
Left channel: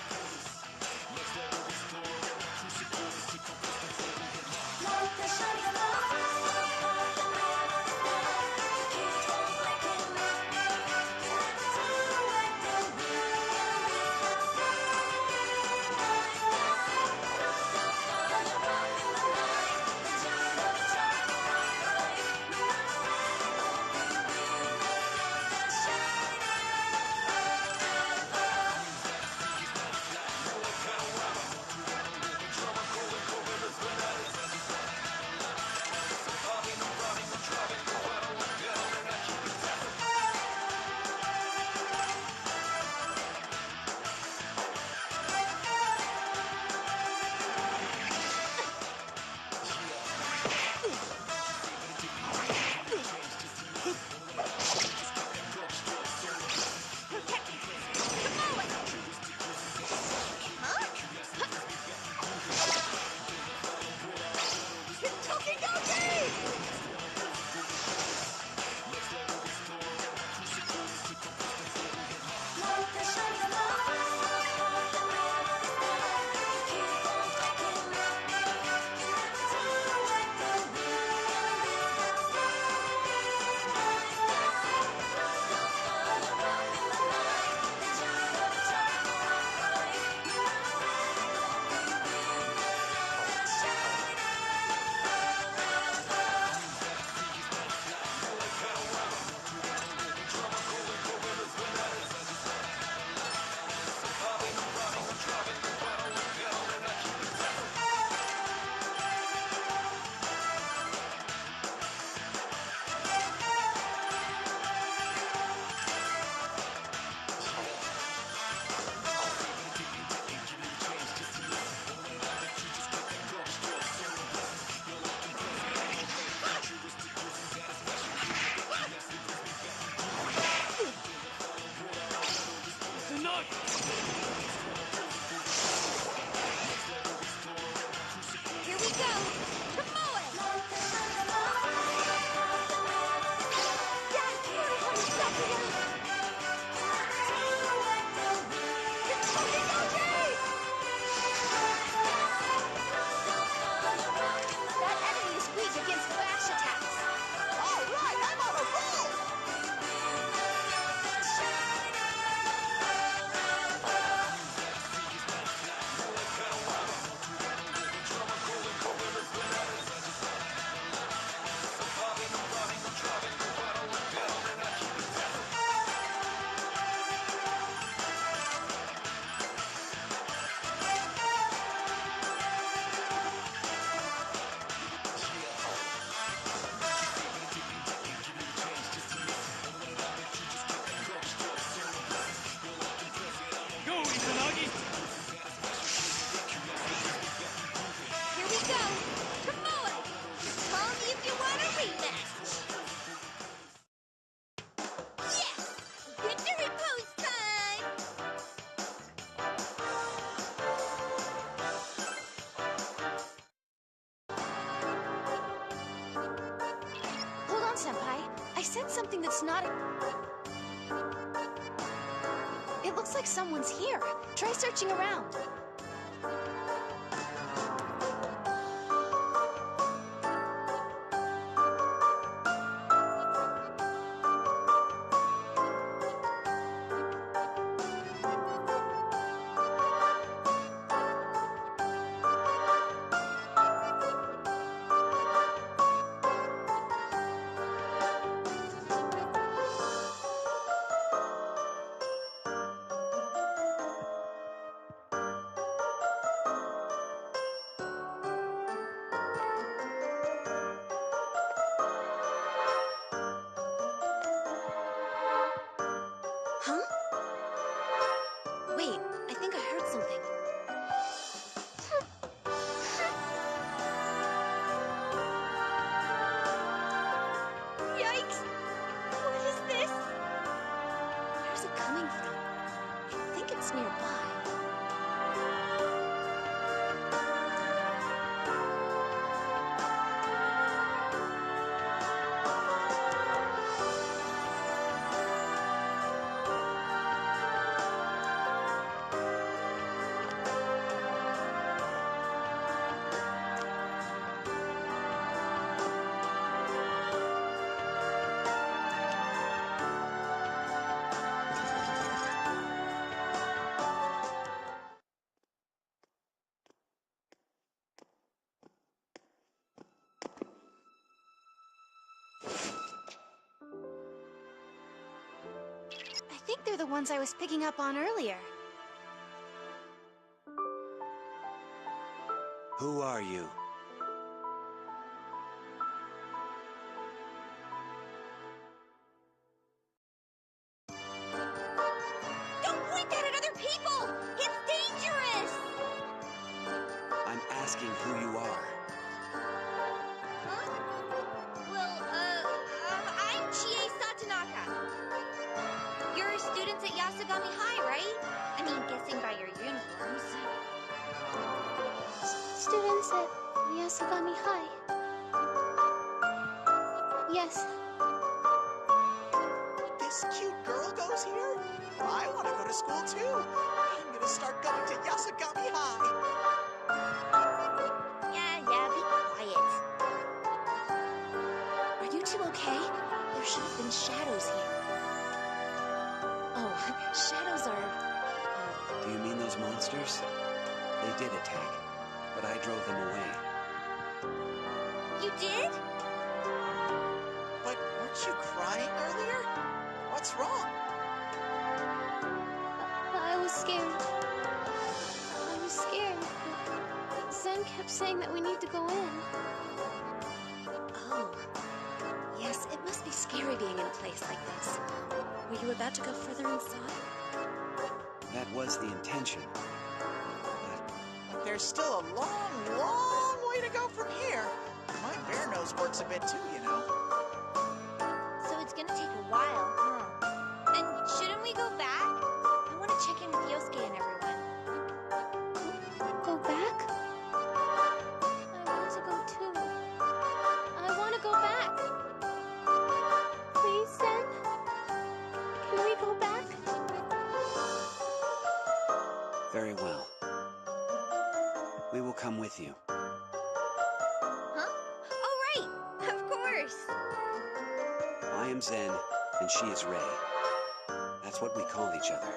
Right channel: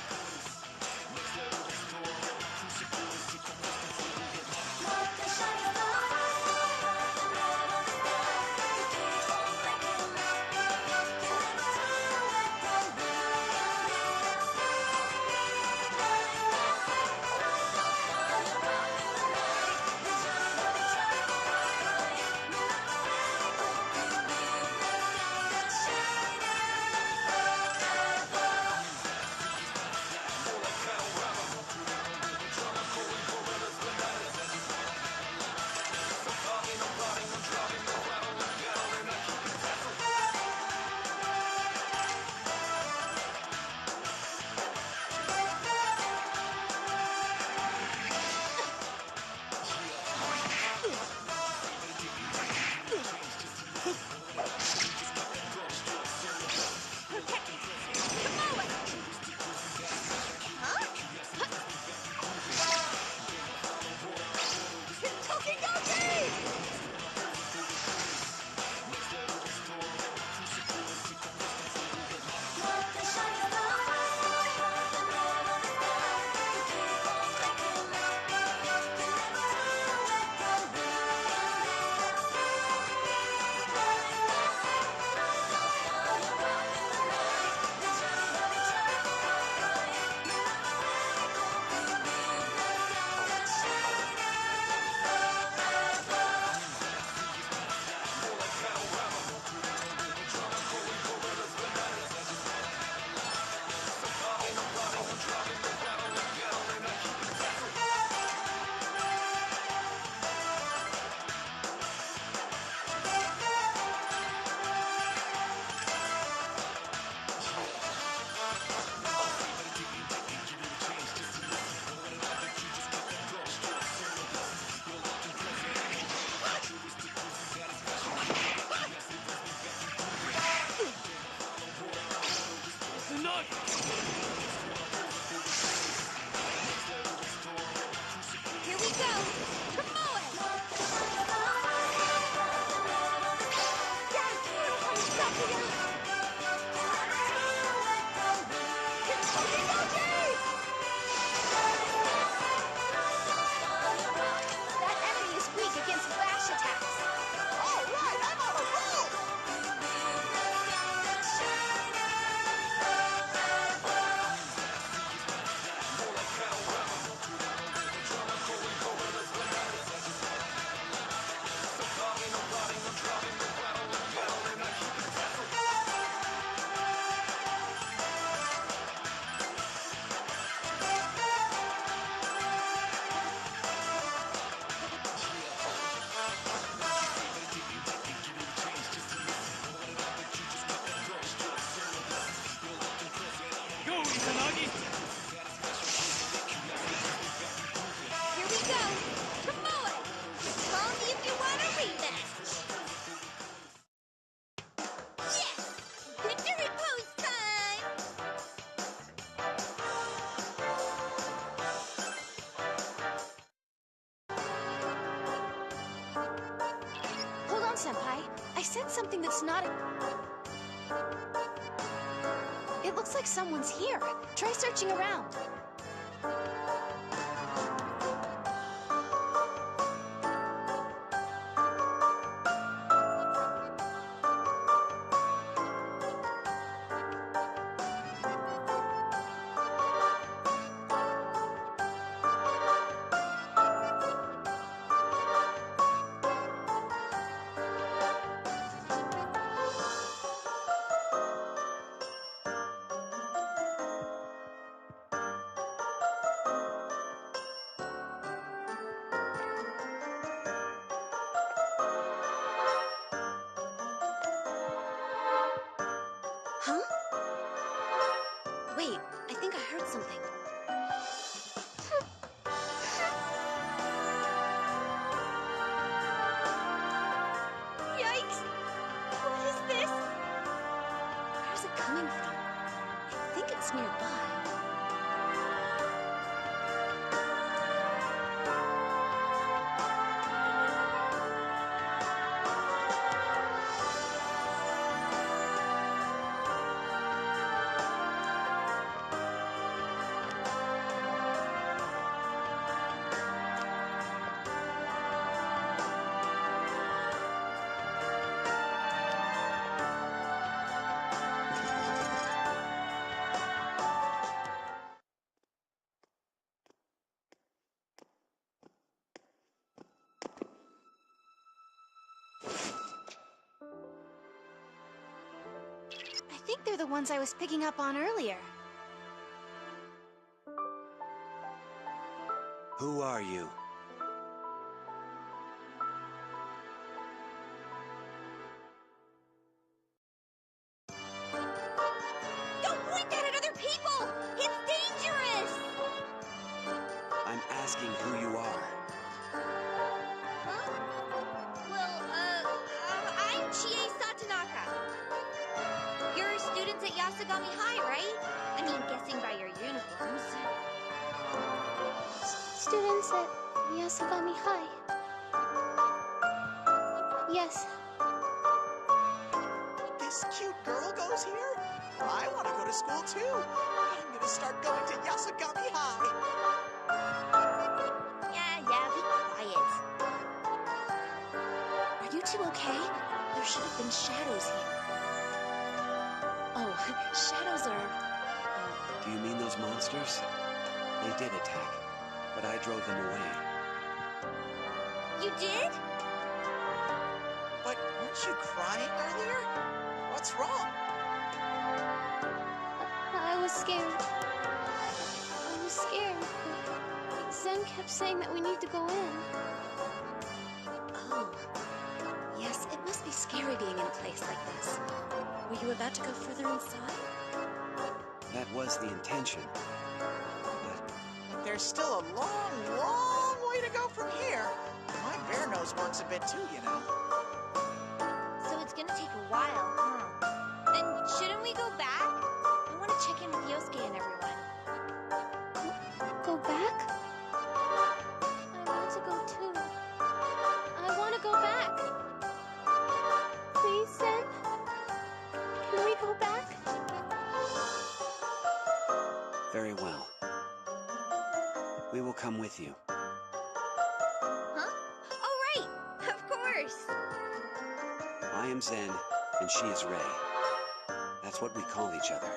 Here we go! Tomoe! That's gonna have a sucker. That enemy is weak against bash attacks. All right, I'm on a roll! Here we go! Tomoe! Just call me if you want a rematch! Yes! Victory pose time! Hold on, Senpai. I said something that's not a... It looks like someone's here. Try searching around. Huh? Wait, I think I heard something. Yikes! What is this? Where's it coming from? I think it's nearby. I think they're the ones I was picking up on earlier. Who are you? Don't point that at other people! It's dangerous! I'm asking who you are. Huh? Well, I'm Chie Satonaka. You're students at Yasugami High, right? I mean, guessing by your uniforms. Students at Yasugami High. Yes. This cute girl goes here? Well, I want to go to school too. I'm gonna start going to Yasugami High. Yeah, be quiet. Are you two okay? There should have been shadows here. Oh, shadows are... Do you mean those monsters? They did attack, but I drove them away. You did? But weren't you crying earlier? What's wrong? I was scared. I was scared, but Zen kept saying that we need to go in. Oh. Yes, it must be scary being in a place like this. Were you about to go further inside? That was the intention. But there's still a long, long way to go from here. My bear nose works a bit too, you know. So it's gonna take a while, huh? Then shouldn't we go back? I want to check in with Yosuke and everyone. Go back? I want to go too. I want to go back. Please, Sen? Can we go back? Very well. We will come with you. Huh? Oh, right! Of course! I am Zen, and she is Rei. That's what we call each other.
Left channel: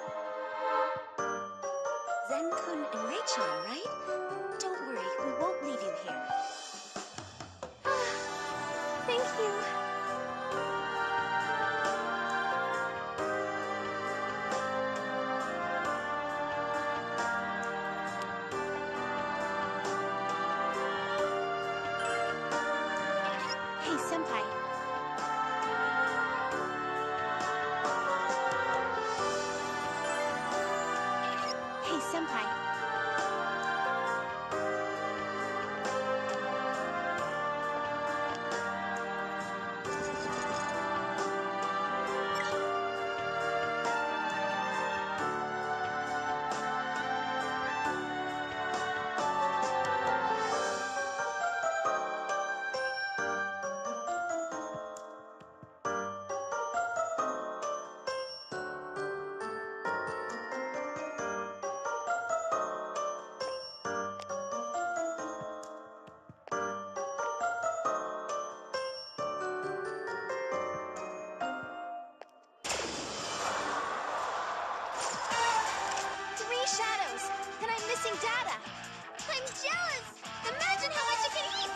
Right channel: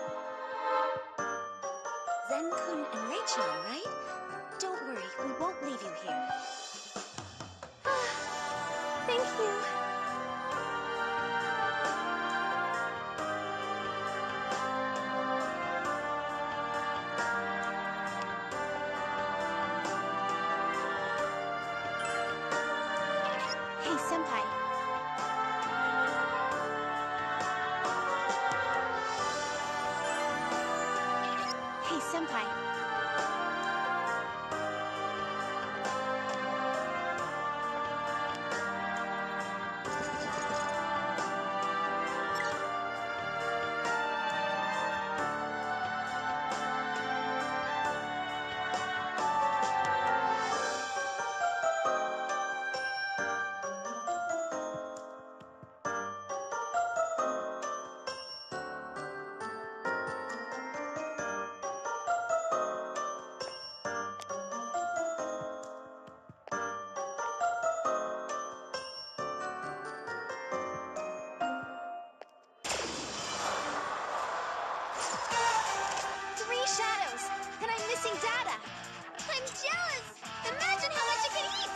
Zen-kun and Rei-chan, right? Don't worry, we won't leave you here. Thank you. Hey, Senpai. Hey, Senpai. Three shadows, and I'm missing data. I'm jealous! Imagine how much it can eat!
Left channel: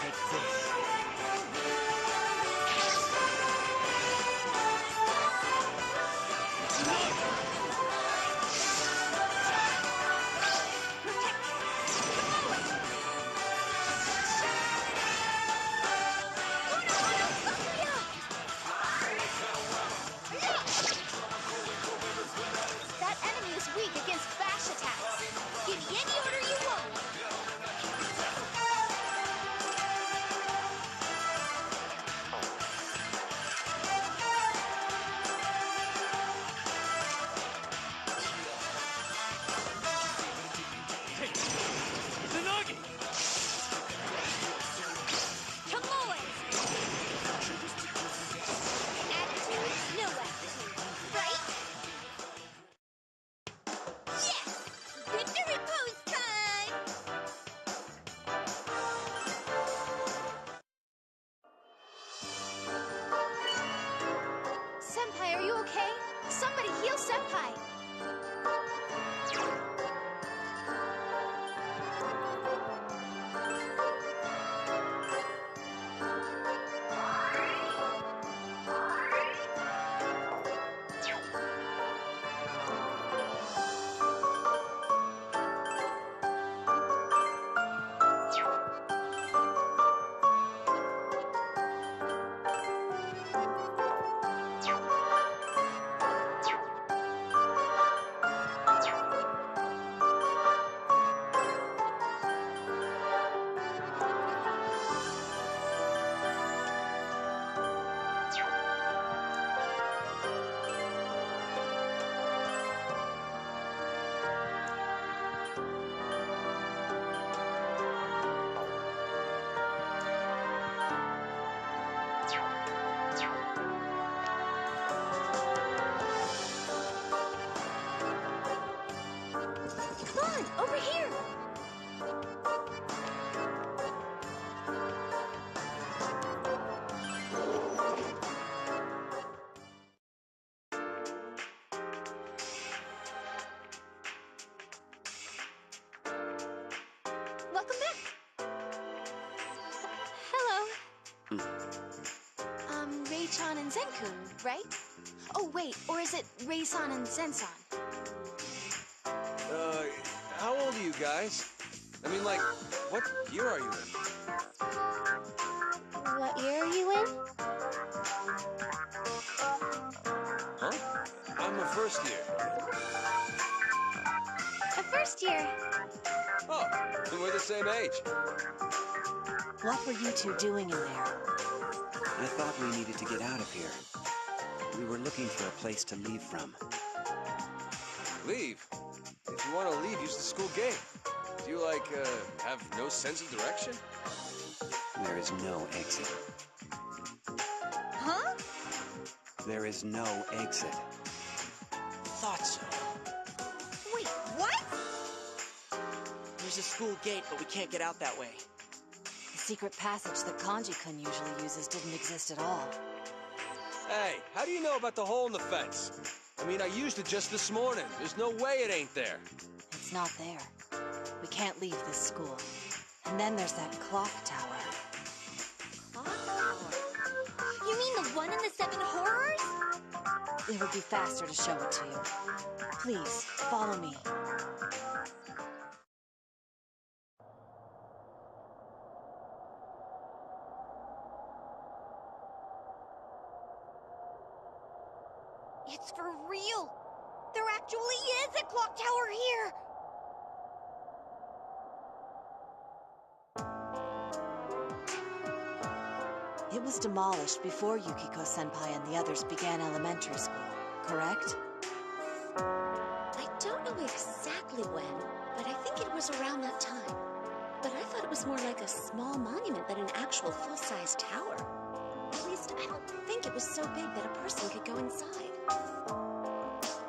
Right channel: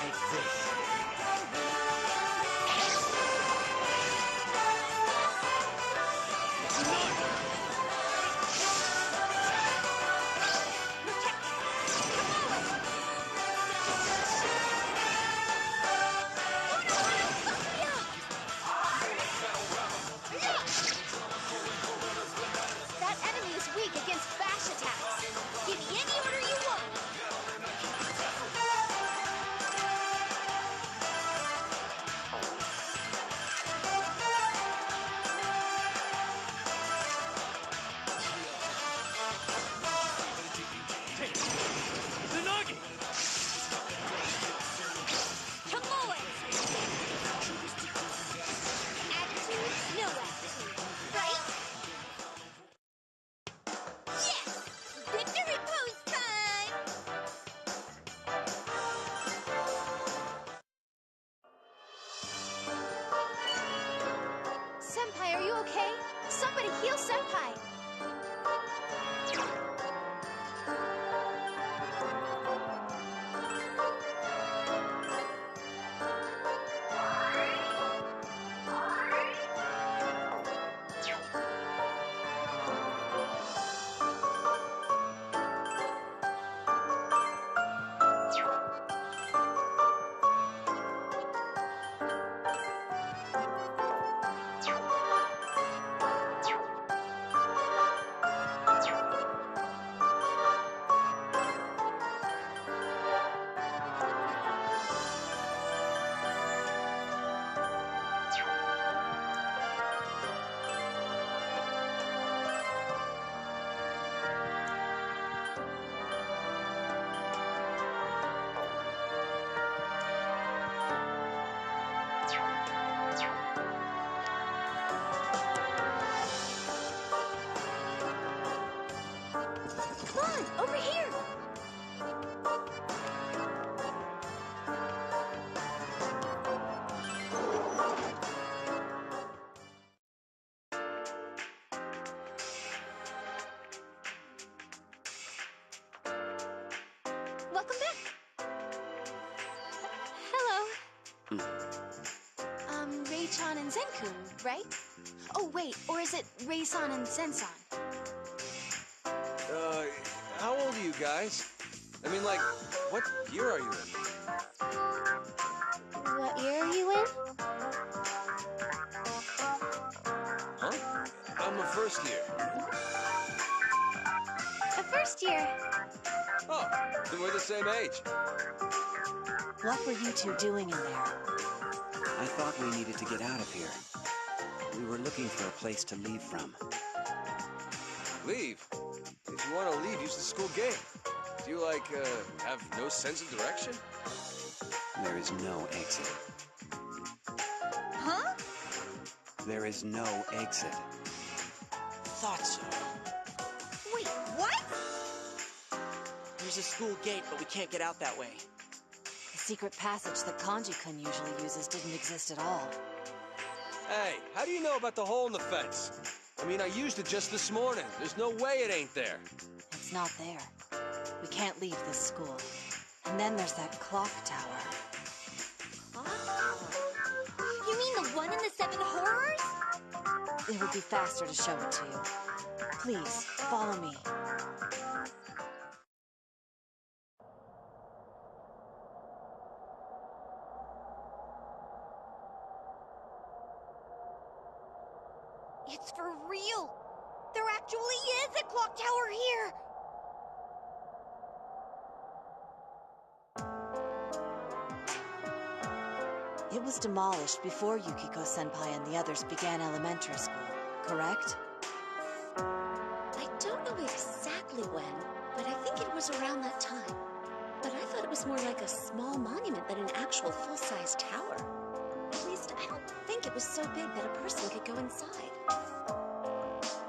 Take this. That enemy is weak against bash attacks. Give me any order you want. Tsunagi! Tomoe! Attitude, no attitude. Right? Yes! Victory pose time! Senpai, are you okay? Somebody heal Senpai! Come on, over here! welcome back. Hello. Ray-chan and Zen-kun, right? Oh, wait, or is it Ray-san and Zen-san? How old are you guys? I mean, like, what year are you in? What year are you in? Huh? I'm a first year. A first year. Oh, then we're the same age. What were you two doing in there? I thought we needed to get out of here. We were looking for a place to leave from. Leave? If you want to leave, use the school gate. Do you, like, have no sense of direction? There is no exit. Huh? There is no exit. Thought so. Wait, what? There's a school gate, but we can't get out that way. The secret passage that Kanji-kun usually uses didn't exist at all. Hey, how do you know about the hole in the fence? I mean, I used it just this morning. There's no way it ain't there. It's not there. We can't leave this school. And then there's that clock tower. Clock tower? You mean the one in the Seven Horrors? It would be faster to show it to you. Please, follow me. It's for real. There actually is a clock tower here. It was demolished before Yukiko-senpai and the others began elementary school, correct? I don't know exactly when, but I think it was around that time. But I thought it was more like a small monument than an actual full-size tower. At least, I don't think it was so big that a person could go inside.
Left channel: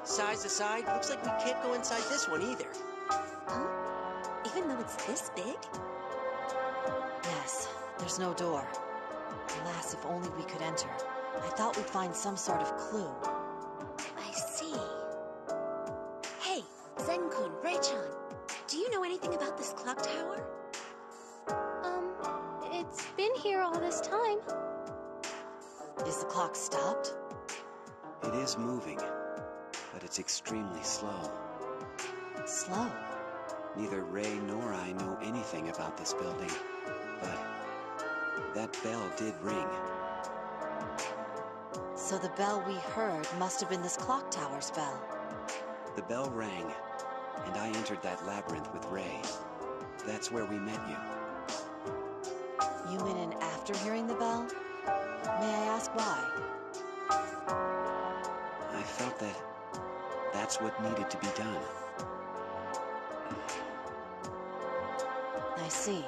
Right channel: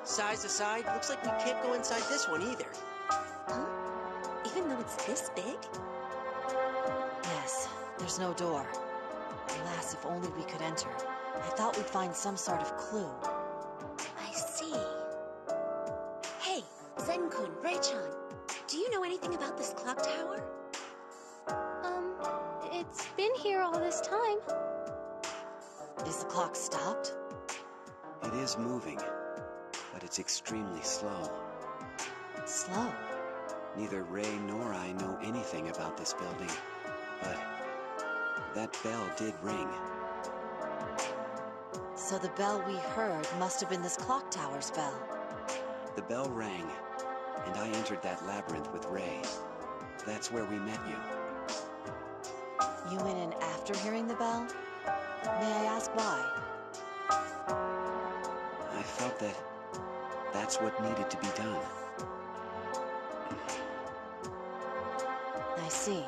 Size aside, looks like we can't go inside this one either. Huh? Even though it's this big? Yes, there's no door. Alas, if only we could enter. I thought we'd find some sort of clue. I see. Hey, Zen-kun, Ray-chan, do you know anything about this clock tower? It's been here all this time. Is the clock stopped? It is moving, but it's extremely slow. Slow? Neither Ray nor I know anything about this building, but that bell did ring. So the bell we heard must have been this clock tower's bell. The bell rang, and I entered that labyrinth with Ray. That's where we met you. You went in after hearing the bell? May I ask why? I felt that that's what needed to be done. I see.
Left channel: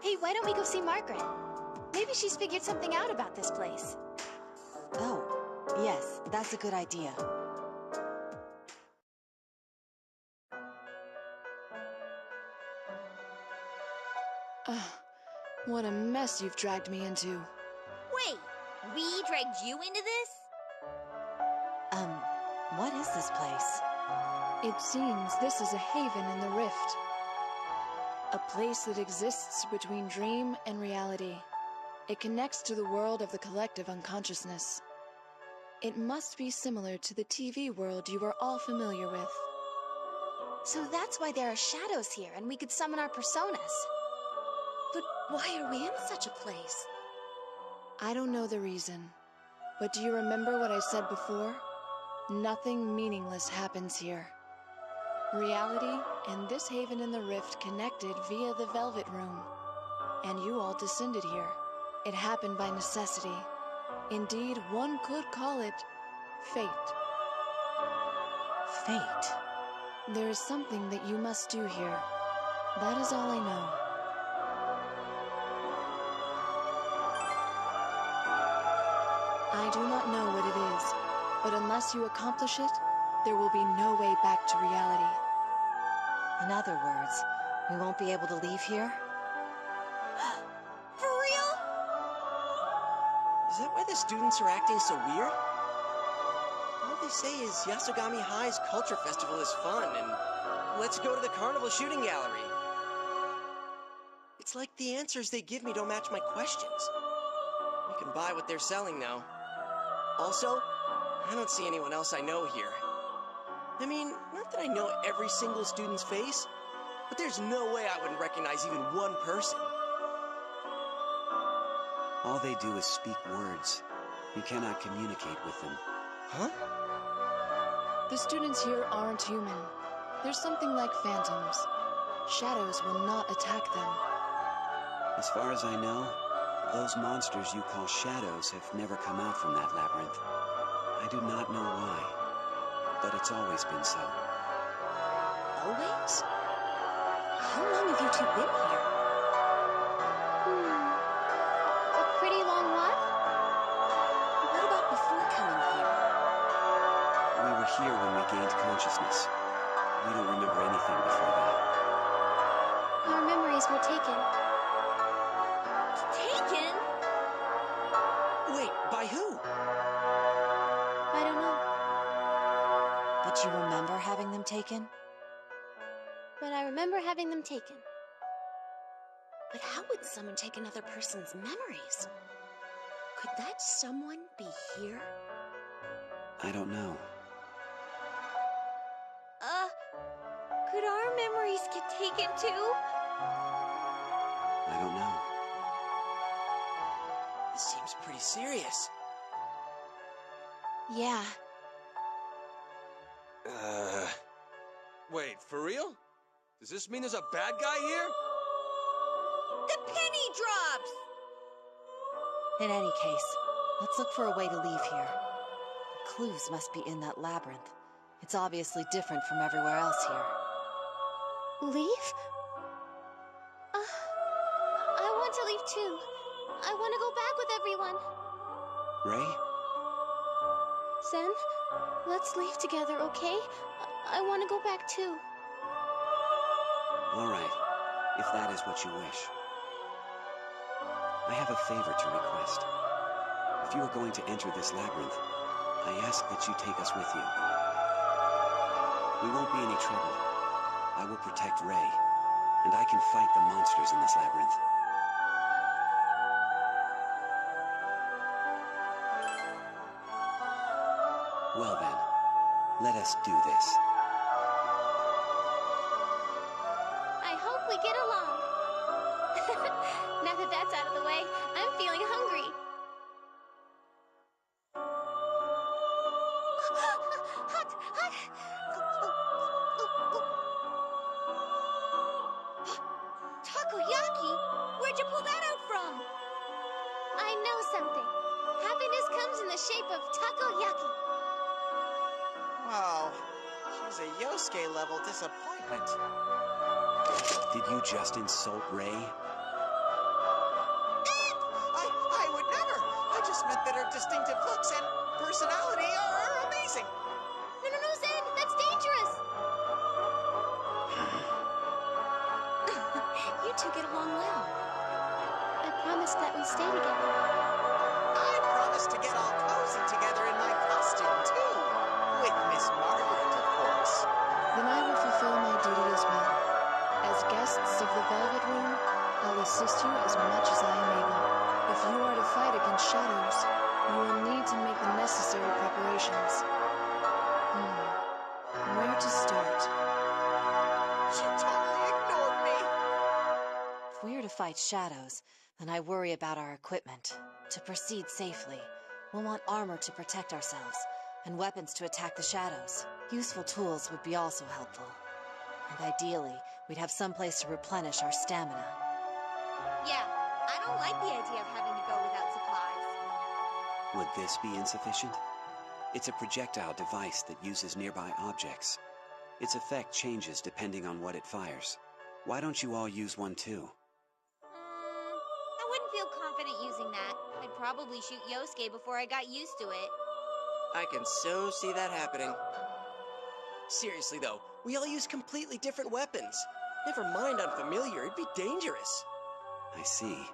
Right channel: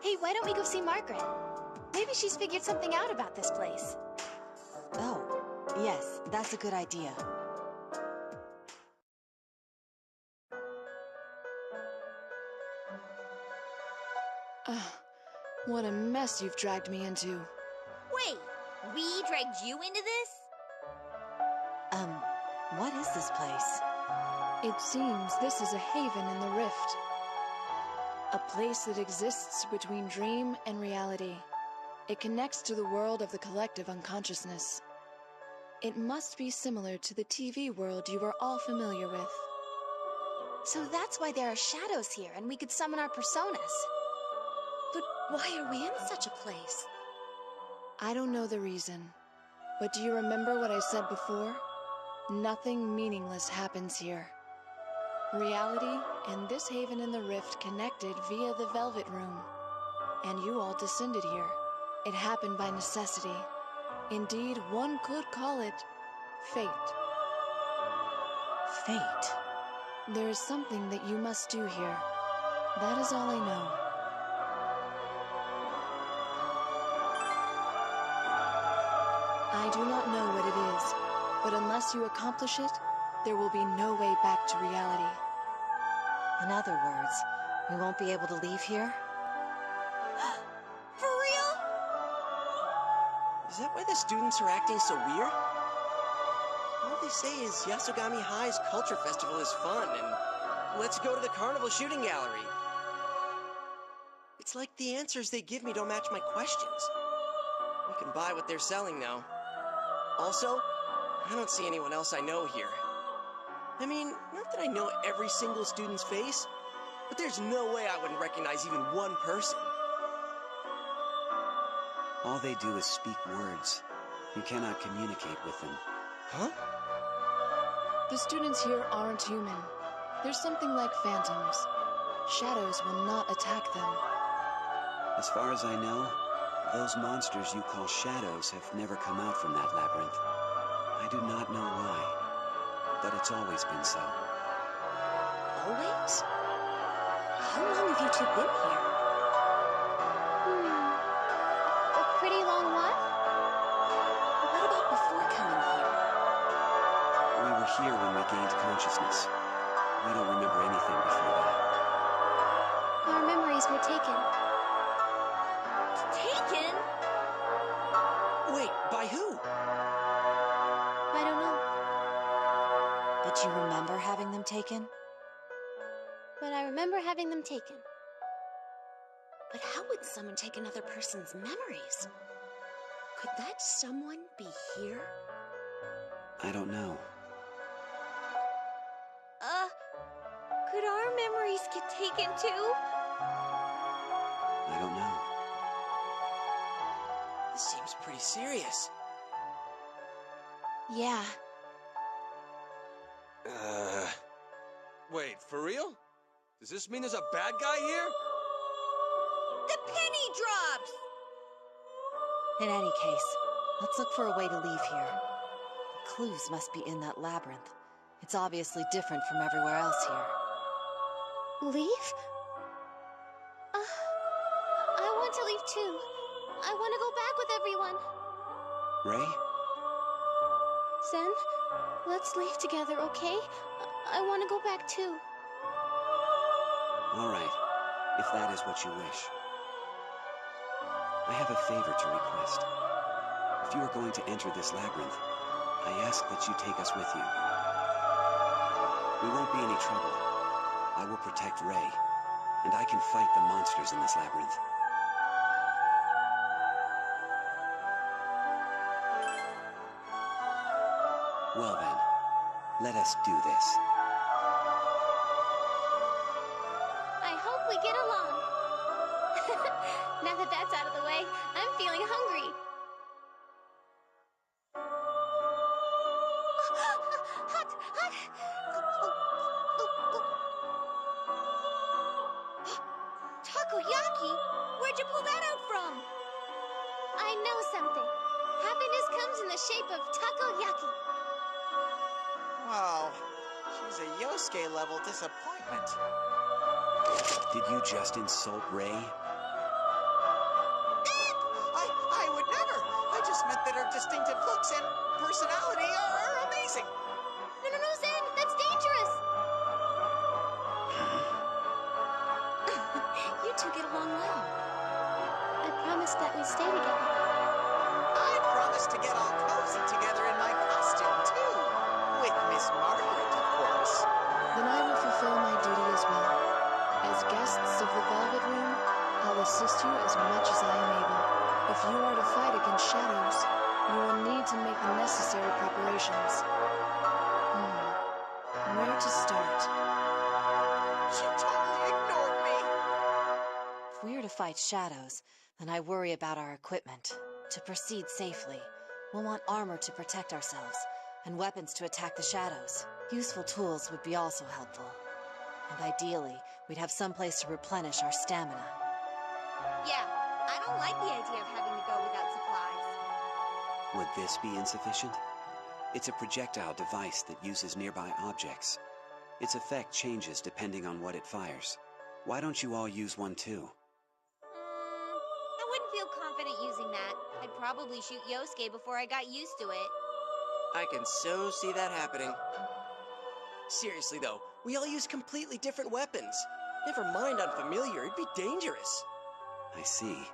Hey, why don't we go see Margaret? Maybe she's figured something out about this place. Oh, yes, that's a good idea. What a mess you've dragged me into. Wait, we dragged you into this? What is this place? It seems this is a haven in the rift. A place that exists between dream and reality. It connects to the world of the collective unconsciousness. It must be similar to the TV world you are all familiar with. So that's why there are shadows here, and we could summon our personas. But why are we in such a place? I don't know the reason, but do you remember what I said before? Nothing meaningless happens here. Reality and this haven in the rift connected via the Velvet Room. And you all descended here. It happened by necessity. Indeed, one could call it fate. Fate? There is something that you must do here. That is all I know. I do not know what it is, but unless you accomplish it, there will be no way back to reality. In other words, we won't be able to leave here? For real? Is that why the students are acting so weird? All they say is Yasogami High's Culture Festival is fun, and let's go to the Carnival Shooting Gallery. It's like the answers they give me don't match my questions. We can buy what they're selling, though. Also, I don't see anyone else I know here. I mean, not that I know every single student's face, but there's no way I wouldn't recognize even one person. All they do is speak words. You cannot communicate with them. Huh? The students here aren't human. They're something like phantoms. Shadows will not attack them. As far as I know, those monsters you call shadows have never come out from that labyrinth. I do not know why, but it's always been so. Always? How long have you two been here? A pretty long while? What about before coming here? We were here when we gained consciousness. We don't remember anything before that. Our memories were taken. Taken? Wait, by who? I don't know, But you remember having them taken? but I remember having them taken. But how would someone take another person's memories? Could that someone be here? I don't know. Could our memories get taken too? I don't know. This seems pretty serious. Yeah. Wait, for real? Does this mean there's a bad guy here? The penny drops! In any case, let's look for a way to leave here. The clues must be in that labyrinth. It's obviously different from everywhere else here. Leave? I want to leave too. I want to go back with everyone. Ray? Zen, let's leave together, okay? I want to go back too. All right, if that is what you wish. I have a favor to request. If you are going to enter this labyrinth, I ask that you take us with you. We won't be any trouble. I will protect Ray, and I can fight the monsters in this labyrinth. Well then, let us do this. I hope we get along. Now that that's out of the way, I'm feeling hungry. Hot! Takoyaki? Where'd you pull that out from? I know something. Happiness comes in the shape of takoyaki. Whoa. She's a Yosuke-level disappointment. Did you just insult Ray? I would never. I just meant that her distinctive looks and personality are amazing. No, Zen, that's dangerous. You two get along well. I promised that we stay together. I promised to get all cozy together in my costume, too. With Miss Margaret, of course. Then I will fulfill my duty as well. As guests of the Velvet Room, I'll assist you as much as I am able. If you are to fight against shadows, you will need to make the necessary preparations. Where to start? She totally ignored me. If we are to fight shadows, then I worry about our equipment. To proceed safely, we'll want armor to protect ourselves, and weapons to attack the shadows. Useful tools would be also helpful. And ideally, we'd have some place to replenish our stamina. Yeah, I don't like the idea of having to go without supplies. Would this be insufficient? It's a projectile device that uses nearby objects. Its effect changes depending on what it fires. Why don't you all use one too? I wouldn't feel confident using that. I'd probably shoot Yosuke before I got used to it. I can so see that happening. Seriously though, we all use completely different weapons. Never mind unfamiliar, it'd be dangerous. I see.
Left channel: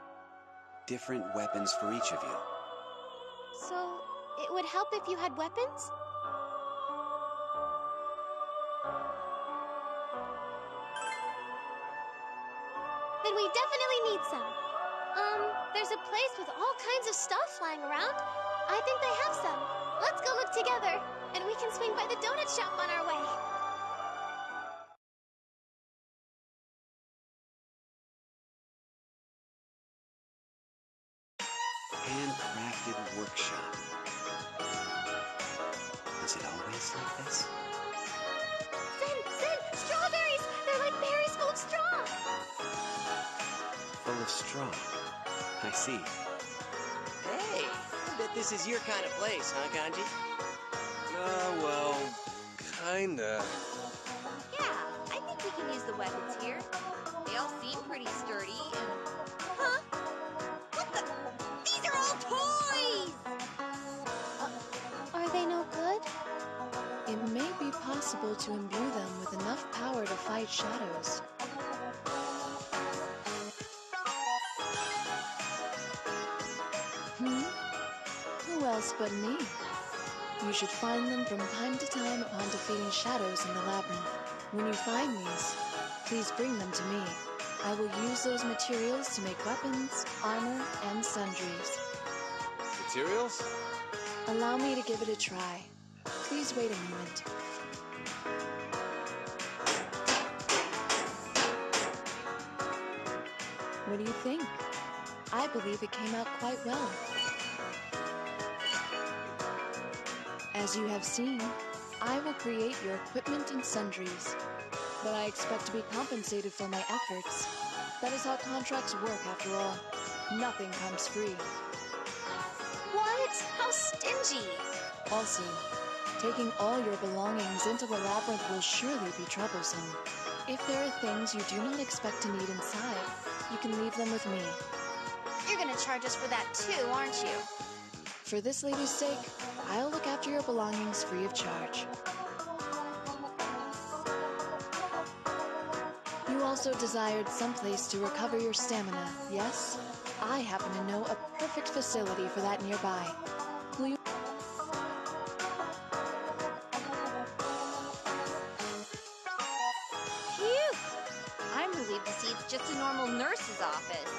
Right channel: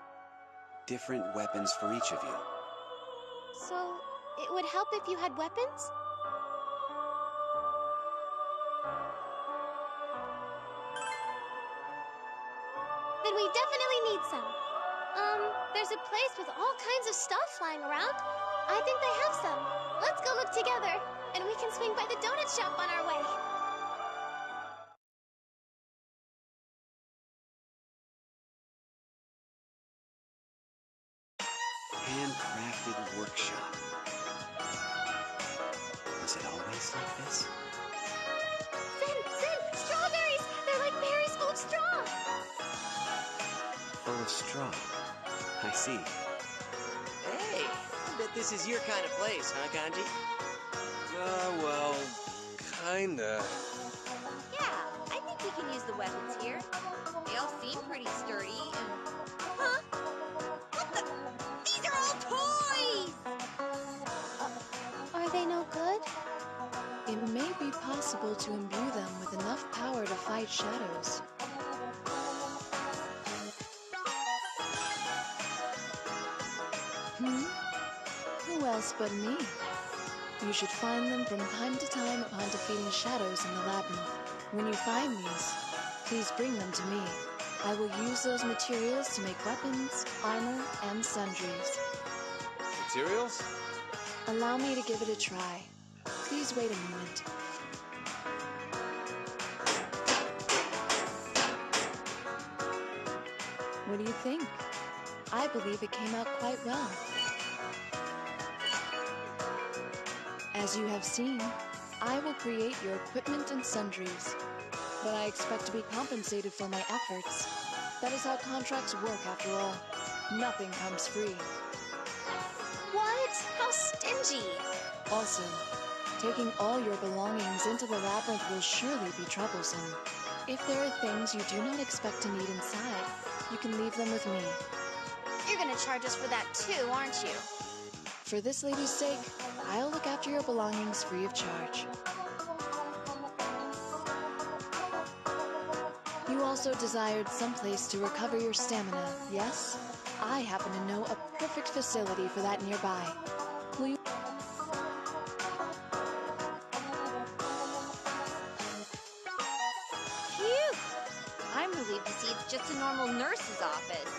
Different weapons for each of you. So, it would help if you had weapons? We definitely need some. There's a place with all kinds of stuff flying around. I think they have some. Let's go look together, and we can swing by the donut shop on our way. Handcrafted workshop. Was it always like this? Zen! Strawberries! They're like berries full of straw! Full of straw. I see. Hey, I bet this is your kind of place, huh, Kanji? Well, kinda. Yeah, I think we can use the weapons here. They all seem pretty sturdy and... Huh? What the... These are all toys! Are they no good? It may be possible to imbue them with enough power to fight shadows. Who else but me? You should find them from time to time upon defeating shadows in the labyrinth. When you find these, please bring them to me. I will use those materials to make weapons, armor, and sundries. Materials? Allow me to give it a try. Please wait a moment. What do you think? I believe it came out quite well. As you have seen, I will create your equipment and sundries, but I expect to be compensated for my efforts. That is how contracts work, after all. Nothing comes free. What? How stingy! Also, taking all your belongings into the labyrinth will surely be troublesome. If there are things you do not expect to need inside, you can leave them with me. You're gonna charge us for that too, aren't you? For this lady's sake, I'll look after your belongings free of charge. You also desired some place to recover your stamina, yes? I happen to know a perfect facility for that nearby. Will you... Phew! I'm relieved to see it's just a normal nurse's office.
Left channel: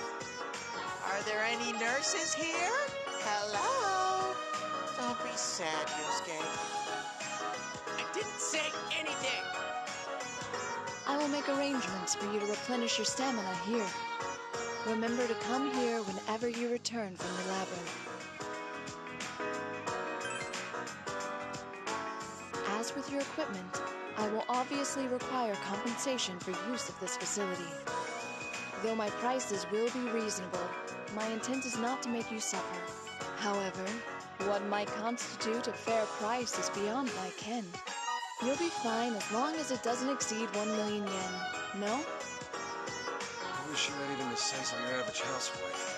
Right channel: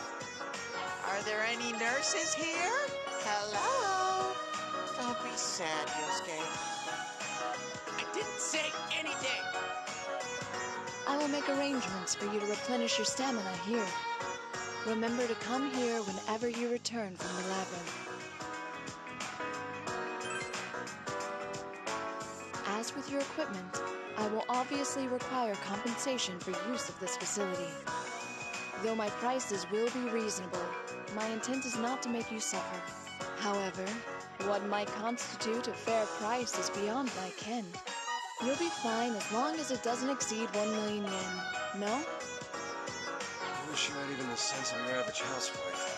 Are there any nurses here? Hello? Don't be sad, Yosuke. I didn't say anything! I will make arrangements for you to replenish your stamina here. Remember to come here whenever you return from the labyrinth. As with your equipment, I will obviously require compensation for use of this facility. Though my prices will be reasonable, my intent is not to make you suffer. However, what might constitute a fair price is beyond my ken. You'll be fine as long as it doesn't exceed 1 million yen. No? I wish you had even the sense of your average housewife.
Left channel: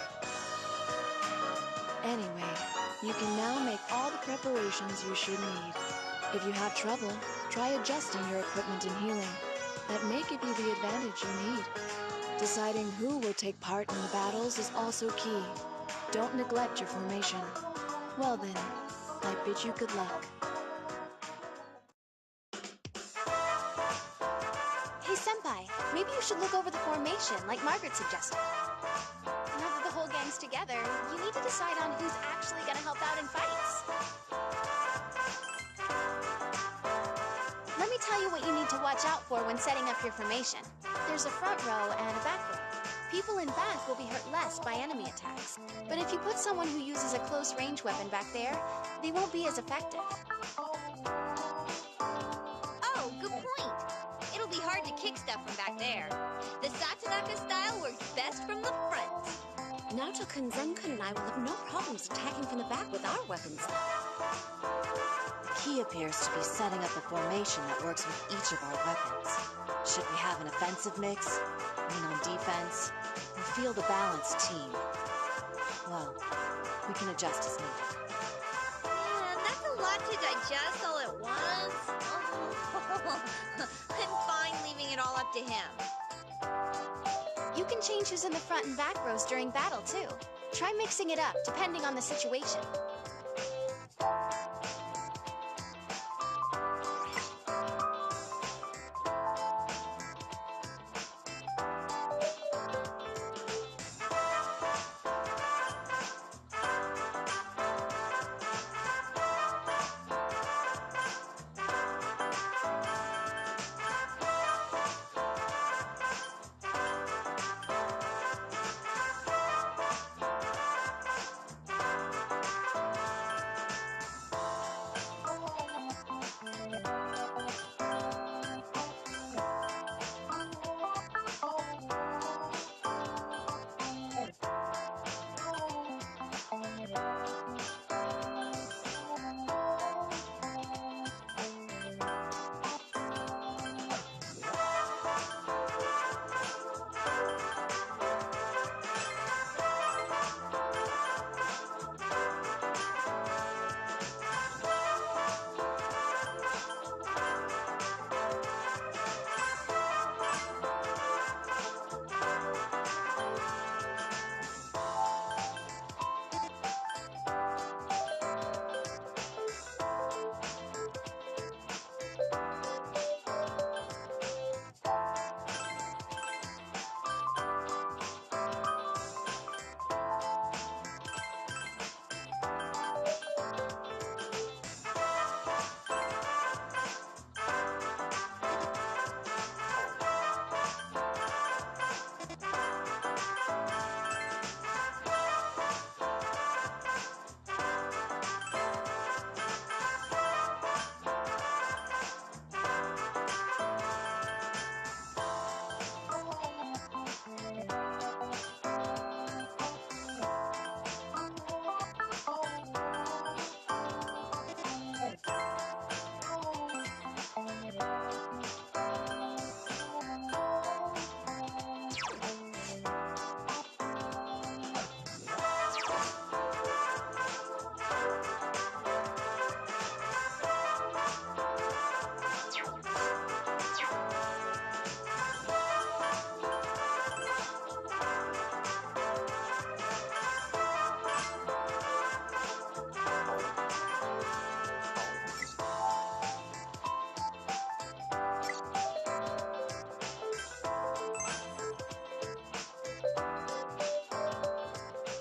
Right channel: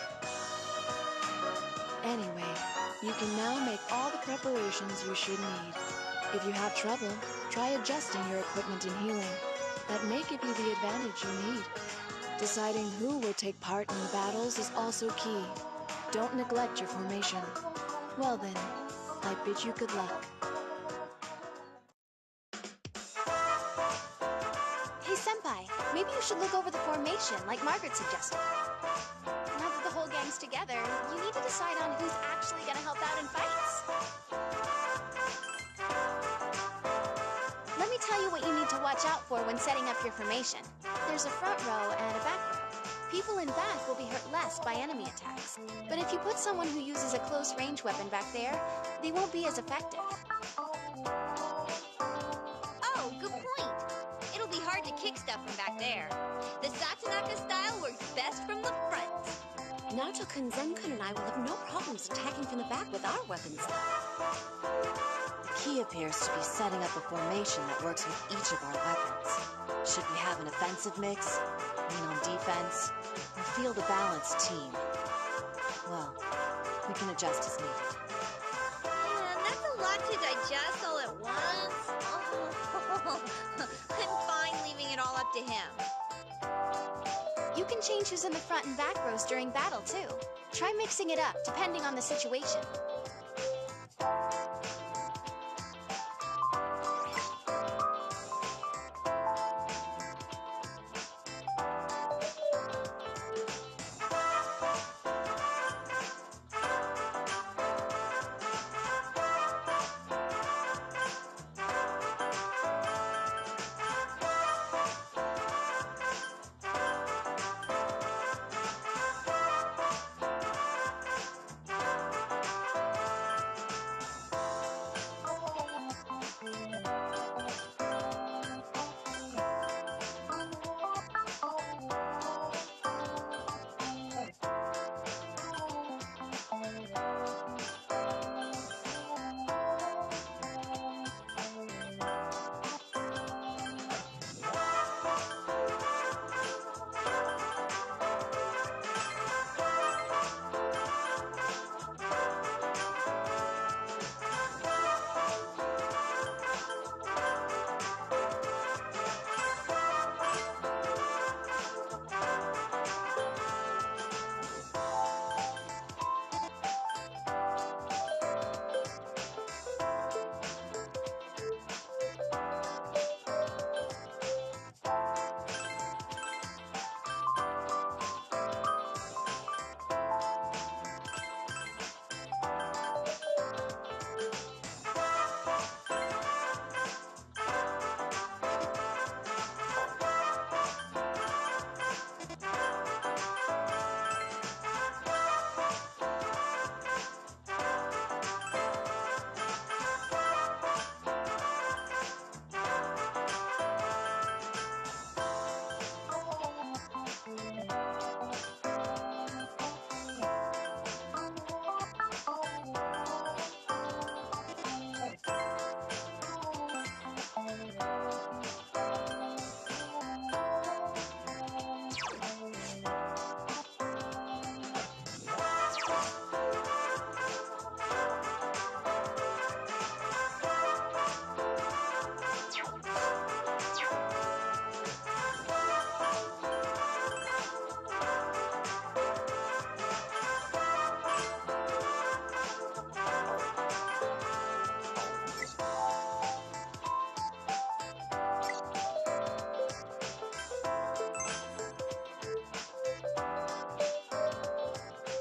Anyway, you can now make all the preparations you should need. If you have trouble, try adjusting your equipment and healing. That may give you the advantage you need. Deciding who will take part in the battles is also key. Don't neglect your formation. Well then, I bid you good luck. Hey, Senpai, maybe you should look over the formation, like Margaret suggested. Now that the whole gang's together, you need to decide on who's actually gonna help out in fights. Let me tell you what you need to watch out for when setting up your formation. There's a front row and a back row. People in back will be hurt less by enemy attacks. But if you put someone who uses a close-range weapon back there, they won't be as effective. Oh, good point. It'll be hard to kick stuff from back there. The Satonaka style works best from the front. Naoto-kun, Zen-kun, and I will have no problems attacking from the back with our weapons, though. The key appears to be setting up a formation that works with each of our weapons. Should we have an offensive mix, lean on defense, or field a balanced team? Well, we can adjust as needed. Man, that's a lot to digest all at once. Oh, I'm fine leaving it all up to him. You can change who's in the front and back rows during battle, too. Try mixing it up, depending on the situation.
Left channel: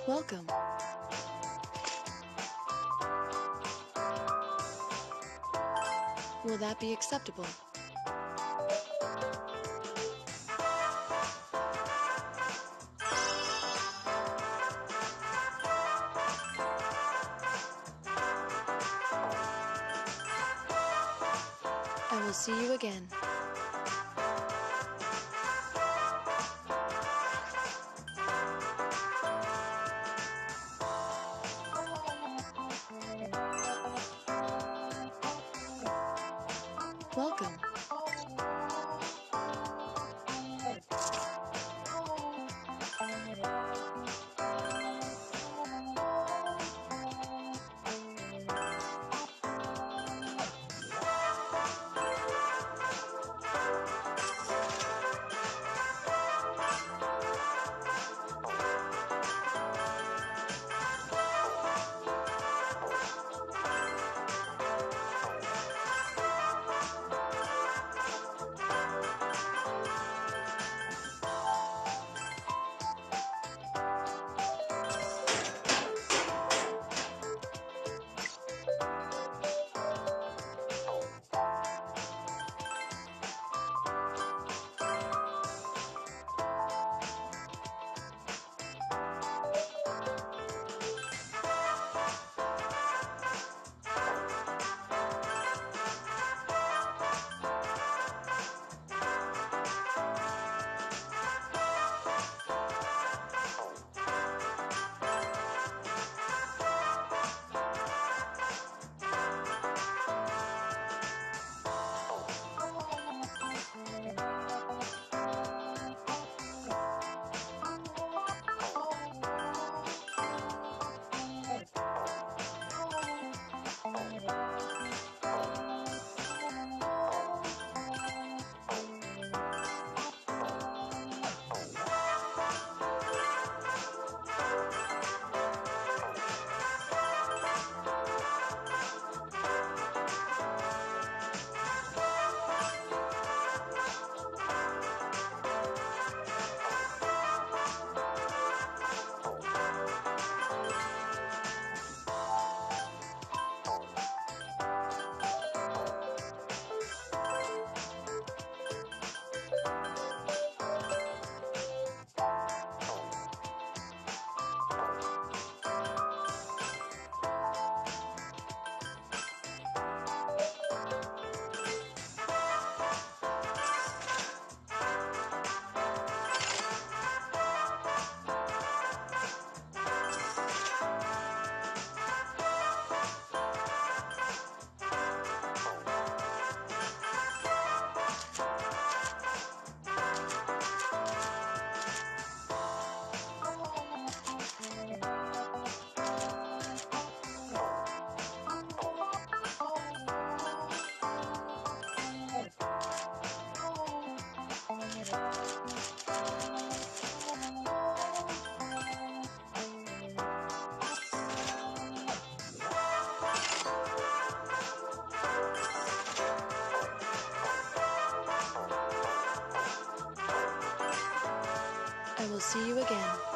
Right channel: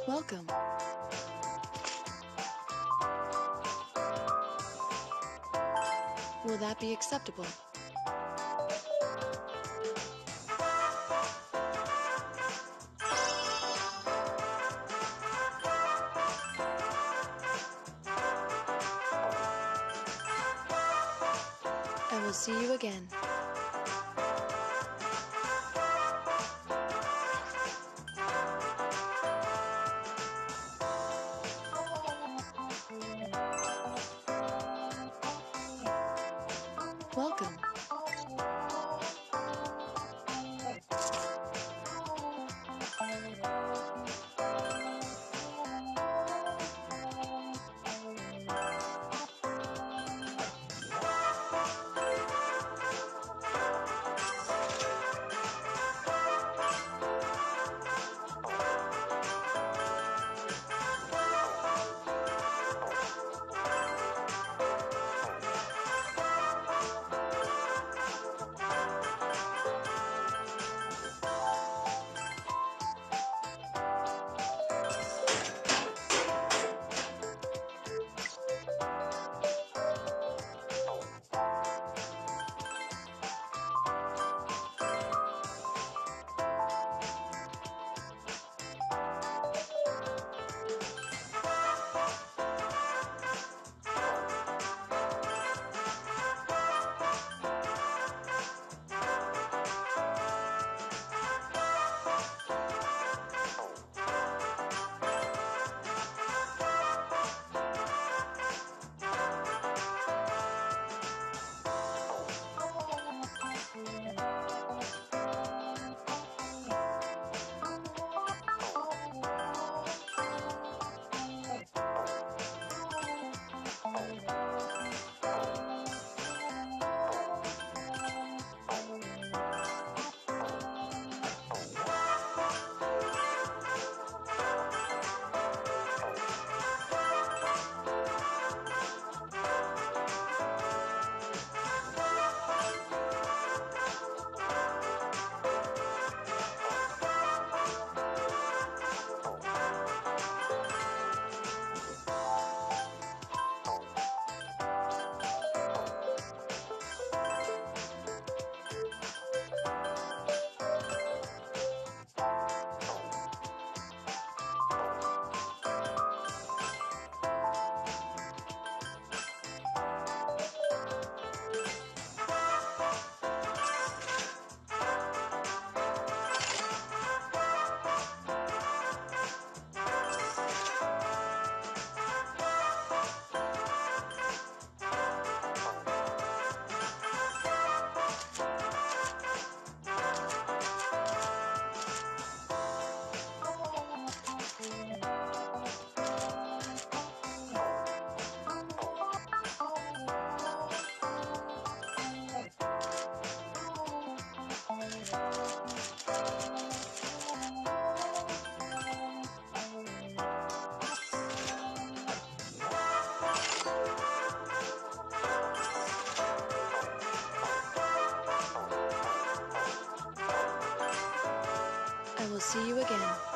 Welcome. Will that be acceptable? I will see you again. Welcome. I will see you again.